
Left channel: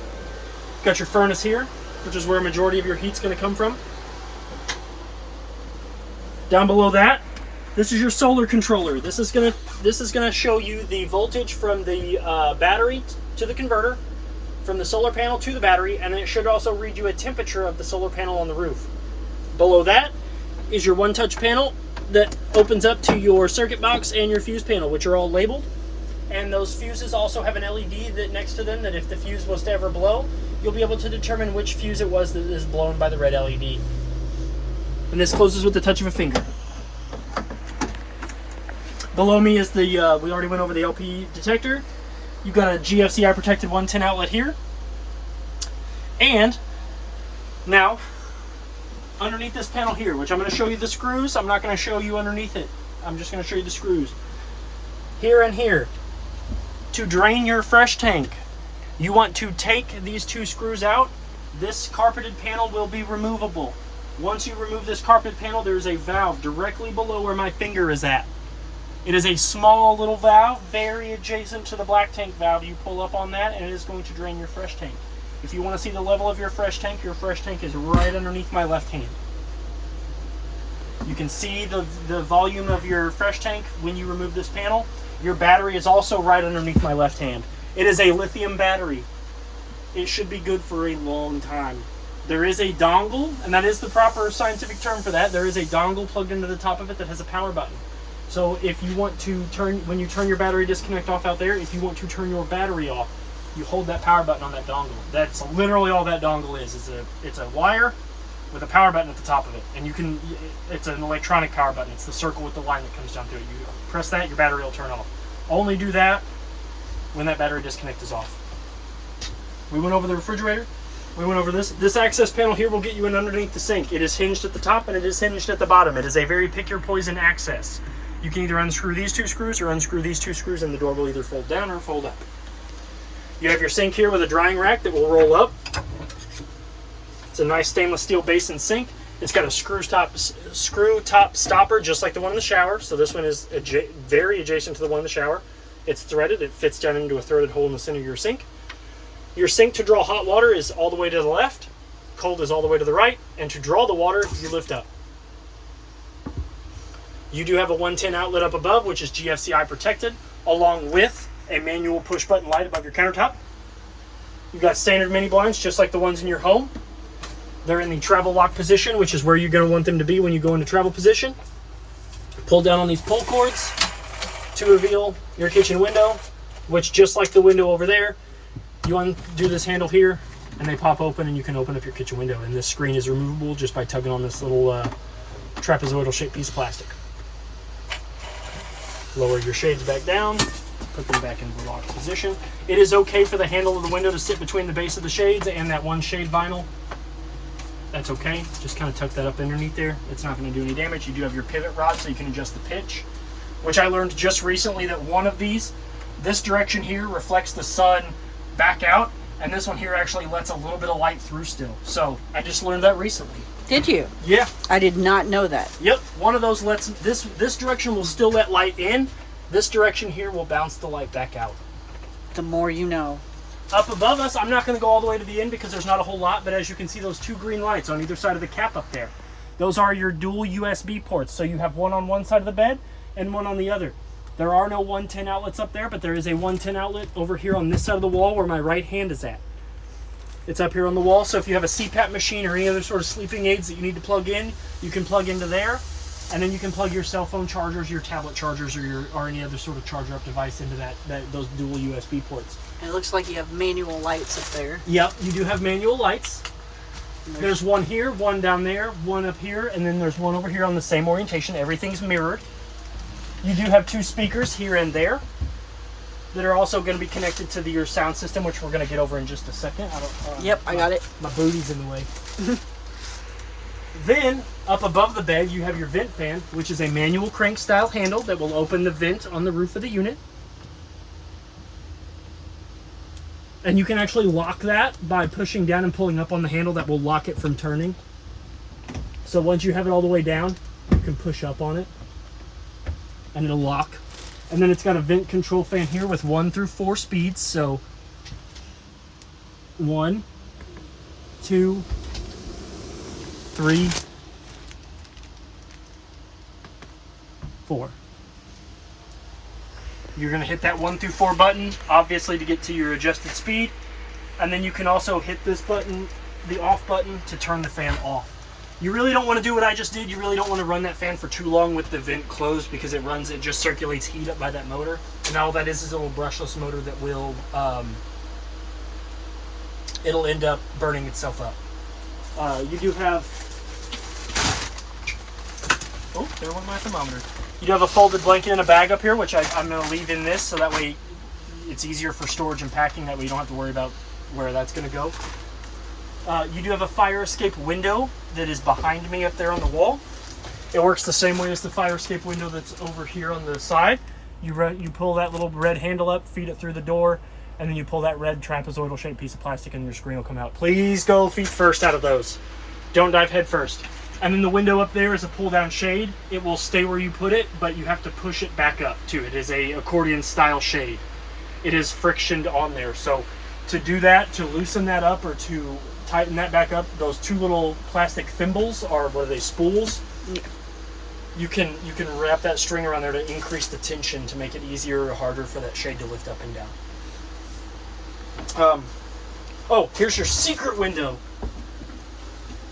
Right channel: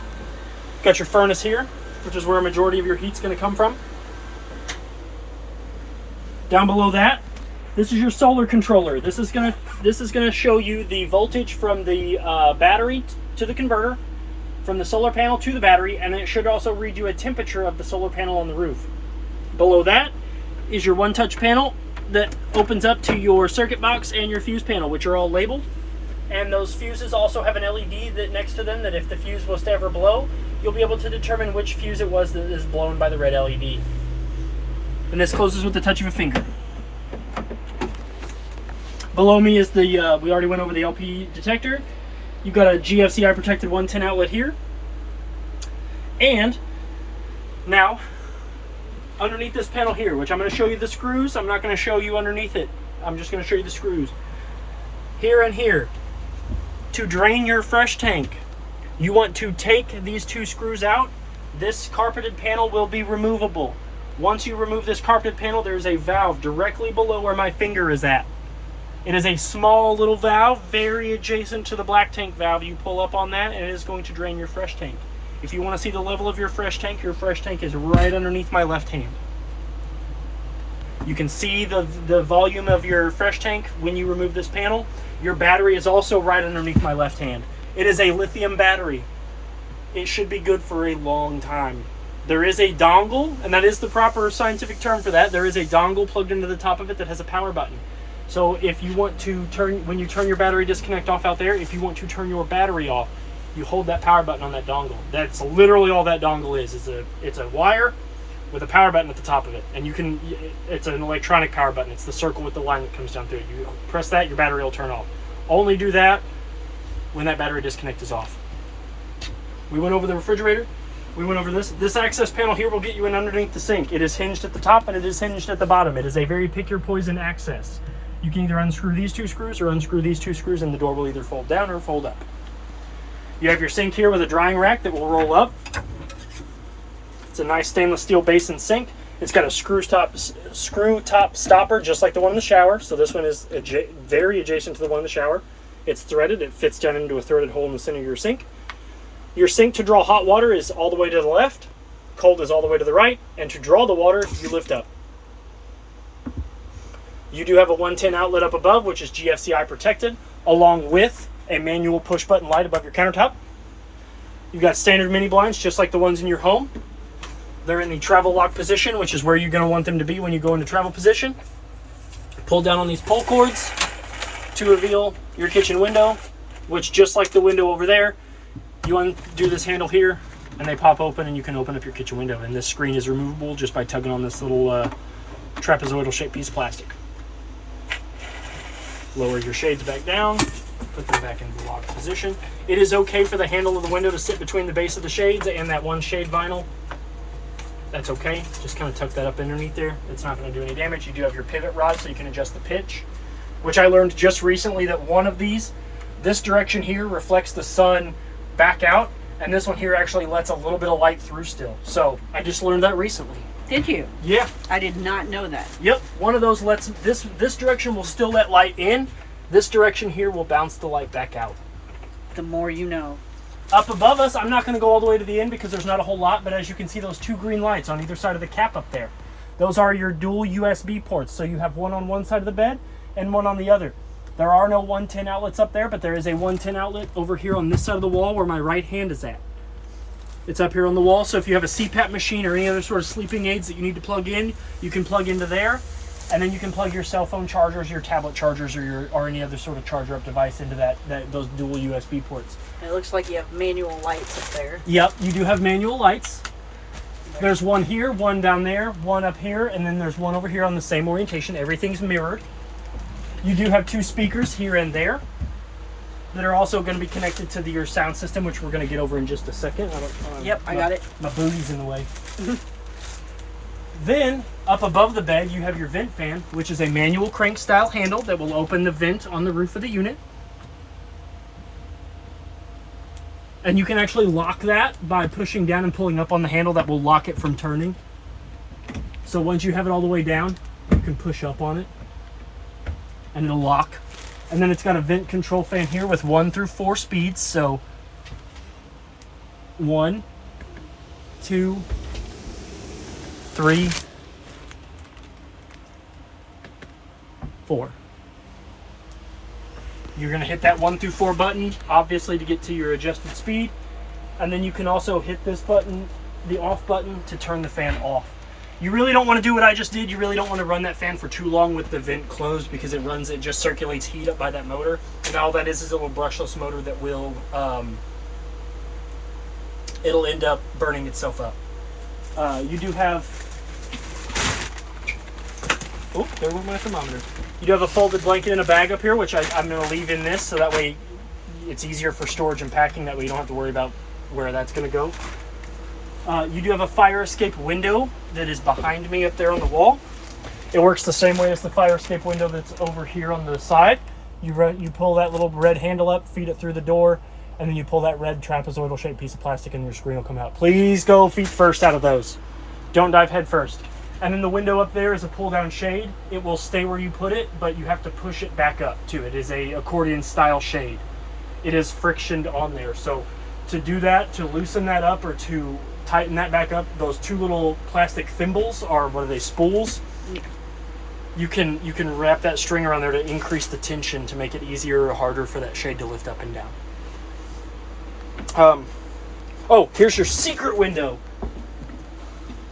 Got your furnace here, which is where a majority of your heat's going to come from. Down below that, this is your solar controller. This is gonna show you the voltage from the battery to the converter, from the solar panel to the battery, and then it should also read you a temperature of the solar panel on the roof. Below that is your one-touch panel that opens up to your circuit box and your fuse panel, which are all labeled. And those fuses also have an LED that next to them, that if the fuse was to ever blow, you'll be able to determine which fuse it was that is blown by the red LED. And this closes with the touch of a finger. Below me is the, we already went over the LP detector. You've got a GFCI protected 110 outlet here. And now, underneath this panel here, which I'm going to show you the screws. I'm not going to show you underneath it. I'm just going to show you the screws. Here and here. To drain your fresh tank, you want to take these two screws out. This carpeted panel will be removable. Once you remove this carpeted panel, there's a valve directly below where my finger is at. It is a small little valve, very adjacent to the black tank valve. You pull up on that and it is going to drain your fresh tank. If you want to see the level of your fresh tank is right underneath my left hand. You can see the volume of your fresh tank when you remove this panel. Your battery is also right underneath my left hand. It is a lithium battery. It should be good for a long time. There is a dongle, and that is the proper scientific term for that. There is a dongle plugged into the top of it that has a power button. So if you want to turn, when you turn your battery disconnect off out there, if you want to turn your battery off, you hold that power button on that dongle. That's literally all that dongle is. It's a wire with a power button at the top of it. And it's an electronic power button. It's the circle with the line that comes down through it. You press that, your battery will turn off. Only do that when that battery disconnect is off. We went over the refrigerator. We went over this. This access panel here will get you in underneath the sink. It is hinged at the top and it is hinged at the bottom. It is a very pick your poison access. You can either unscrew these two screws or unscrew these two screws and the door will either fold down or fold up. You have your sink here with a drying rack that will roll up. It's a nice stainless steel basin sink. It's got a screw top stopper just like the one in the shower. So this one is very adjacent to the one in the shower. It's threaded. It fits down into a threaded hole in the center of your sink. Your sink to draw hot water is all the way to the left. Cold is all the way to the right. And to draw the water, you lift up. You do have a 110 outlet up above, which is GFCI protected, along with a manual push button light above your countertop. You've got standard mini blinds just like the ones in your home. They're in the travel lock position, which is where you're going to want them to be when you go into travel position. Pull down on these pull cords to reveal your kitchen window, which just like the window over there, you undo this handle here and they pop open and you can open up your kitchen window. And this screen is removable just by tugging on this little trapezoidal shaped piece of plastic. Lower your shades back down, put them back into the locked position. It is okay for the handle of the window to sit between the base of the shades and that one shade vinyl. That's okay. Just kind of tuck that up underneath there. It's not going to do any damage. You do have your pivot rod so you can adjust the pitch, which I learned just recently that one of these, this direction here reflects the sun back out, and this one here actually lets a little bit of light through still. So I just learned that recently. Did you? Yeah. I did not know that. Yep. One of those lets, this direction will still let light in. This direction here will bounce the light back out. The more you know. Up above us, I'm not going to go all the way to the end because there's not a whole lot, but as you can see, those two green lights on either side of the cap up there, those are your dual USB ports. So you have one on one side of the bed and one on the other. There are no 110 outlets up there, but there is a 110 outlet over here on this side of the wall where my right hand is at. It's up here on the wall, so if you have a CPAP machine or any other sort of sleeping aids that you need to plug in, you can plug into there, and then you can plug your cell phone chargers, your tablet chargers, or any other sort of charger up device into those dual USB ports. And it looks like you have manual lights up there. Yep, you do have manual lights. There's one here, one down there, one up here, and then there's one over here on the same orientation. Everything's mirrored. You do have two speakers here and there that are also going to be connected to your sound system, which we're going to get over in just a second. Yep, I got it. My booty's in the way. Then, up above the bed, you have your vent fan, which is a manual crank style handle that will open the vent on the roof of the unit. And you can actually lock that by pushing down and pulling up on the handle. That will lock it from turning. So once you have it all the way down, you can push up on it and it'll lock. And then it's got a vent control fan here with 1 through 4 speeds. So 1, 2, 3, 4. You're going to hit that 1 through 4 button, obviously, to get to your adjusted speed. And then you can also hit this button, the off button, to turn the fan off. You really don't want to do what I just did. You really don't want to run that fan for too long with the vent closed because it just circulates heat up by that motor. And all that is a little brushless motor that will, it'll end up burning itself up. You do have, oh, there went my thermometer. You do have a folded blanket in a bag up here, which I'm going to leave in this so that way it's easier for storage and packing. That way you don't have to worry about where that's going to go. You do have a fire escape window that is behind me up there on the wall. It works the same way as the fire escape window that's over here on the side. You pull that little red handle up, feed it through the door, and then you pull that red trapezoidal shaped piece of plastic and your screen will come out. Please go feet first out of those. Don't dive head first. And then the window up there is a pull down shade. It will stay where you put it, but you have to push it back up too. It is a accordion style shade. It is frictioned on there. So to do that, to loosen that up or to tighten that back up, those two little plastic thimbles, or what are they, spools? Yeah. You can wrap that string around there to increase the tension to make it easier or harder for that shade to lift up and down. Oh, here's your secret window.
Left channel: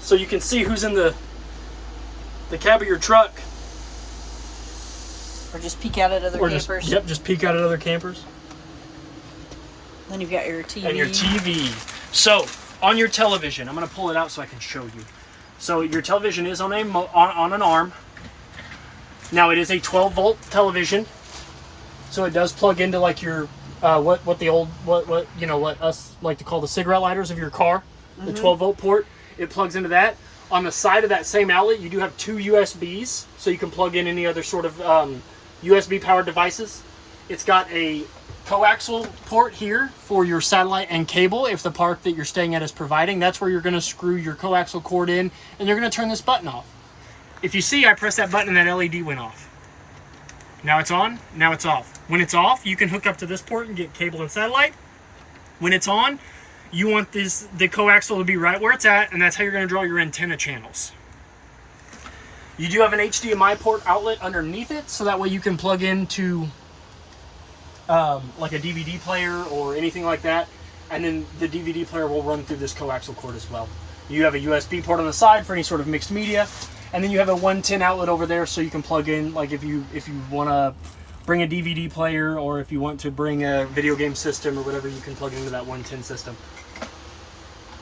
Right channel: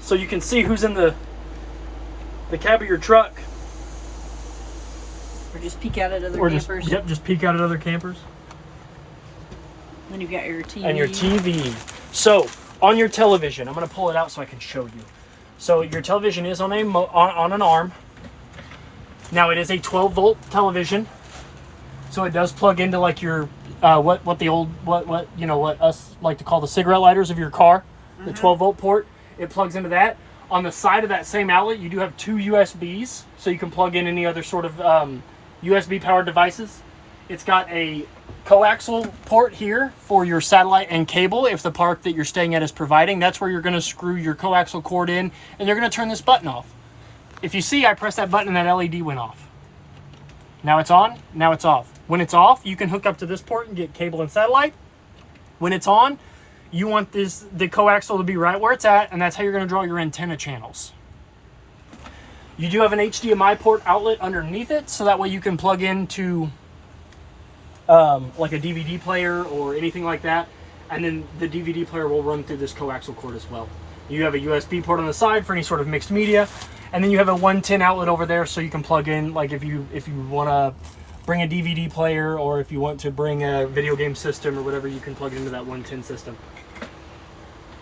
So you can see who's in the cab of your truck. Or just peek out at other campers. Just peek out at other campers. Then you've got your TV. And your TV. So, on your television, I'm going to pull it out so I can show you. So your television is on an arm. Now it is a 12 volt television. So it does plug into like your what us like to call the cigarette lighters of your car, the 12 volt port. It plugs into that. On the side of that same outlet, you do have two USBs, so you can plug in any other sort of USB powered devices. It's got a coaxial port here for your satellite and cable if the park that you're staying at is providing. That's where you're going to screw your coaxial cord in, and you're going to turn this button off. If you see, I pressed that button and that LED went off. Now it's on, now it's off. When it's off, you can hook up to this port and get cable and satellite. When it's on, you want the coaxial to be right where it's at, and that's how you're going to draw your antenna channels. You do have an HDMI port outlet underneath it, so that way you can plug into like a DVD player or anything like that, and then the DVD player will run through this coaxial cord as well. You have a USB port on the side for any sort of mixed media, and then you have a 110 outlet over there, so you can plug in, like if you want to bring a DVD player, or if you want to bring a video game system or whatever, you can plug it into that 110 system.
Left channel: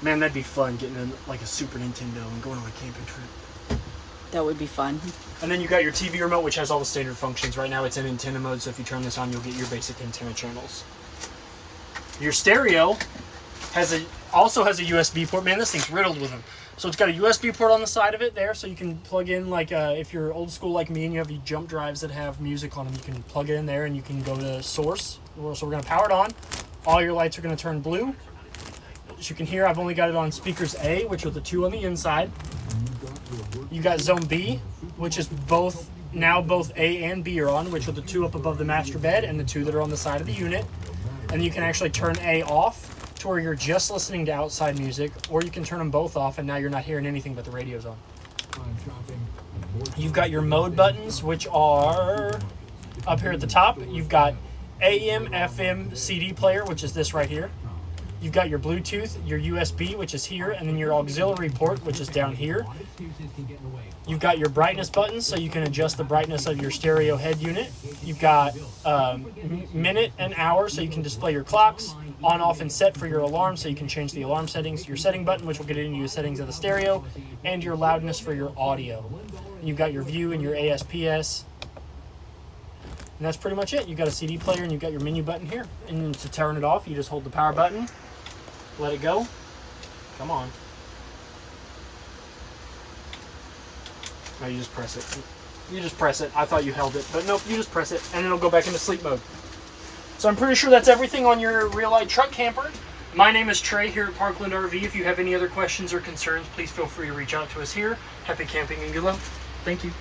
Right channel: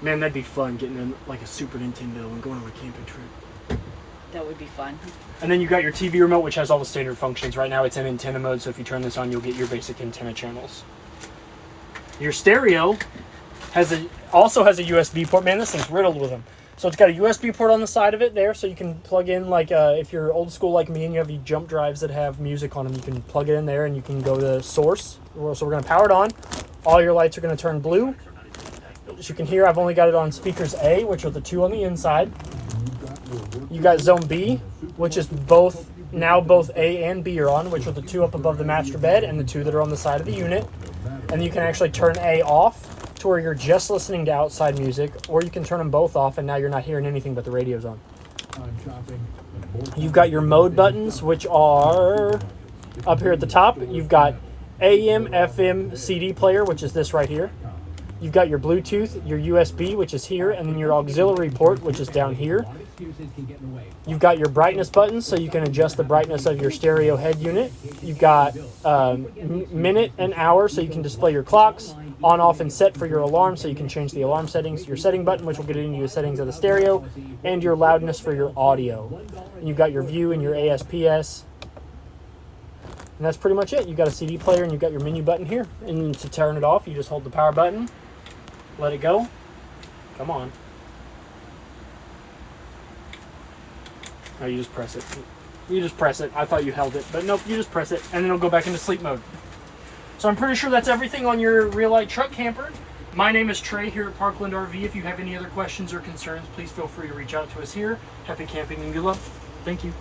Man, that'd be fun, getting like a Super Nintendo and going on a camping trip. That would be fun. And then you got your TV remote, which has all the standard functions. Right now it's in antenna mode, so if you turn this on, you'll get your basic antenna channels. Your stereo also has a USB port. Man, this thing's riddled with them. So it's got a USB port on the side of it there, so you can plug in, like if you're old school like me and you have these jump drives that have music on them, you can plug it in there and you can go to source. So we're going to power it on. All your lights are going to turn blue. As you can hear, I've only got it on speakers A, which are the two on the inside. You got zone B, which is both A and B are on, which are the two up above the master bed and the two that are on the side of the unit. And you can actually turn A off to where you're just listening to outside music, or you can turn them both off and now you're not hearing anything but the radio's on. You've got your mode buttons, which are up here at the top. You've got AM, FM, CD player, which is this right here. You've got your Bluetooth, your USB, which is here, and then your auxiliary port, which is down here. You've got your brightness buttons, so you can adjust the brightness of your stereo head unit. You've got minute and hour, so you can display your clocks. On, off, and set for your alarm, so you can change the alarm settings. Your setting button, which will get into your settings of the stereo, and your loudness for your audio. You've got your view and your ASPS. And that's pretty much it. You've got a CD player, and you've got your menu button here. And then to turn it off, you just hold the power button. Let it go. Come on. Oh, you just press it. You just press it. I thought you held it, but nope, you just press it, and then it'll go back into sleep mode. So I'm pretty sure that's everything on your Real-Lite truck camper. My name is Trey here at Parkland RV. If you have any other questions or concerns, please feel free to reach out to us here. Happy camping and good luck. Thank you.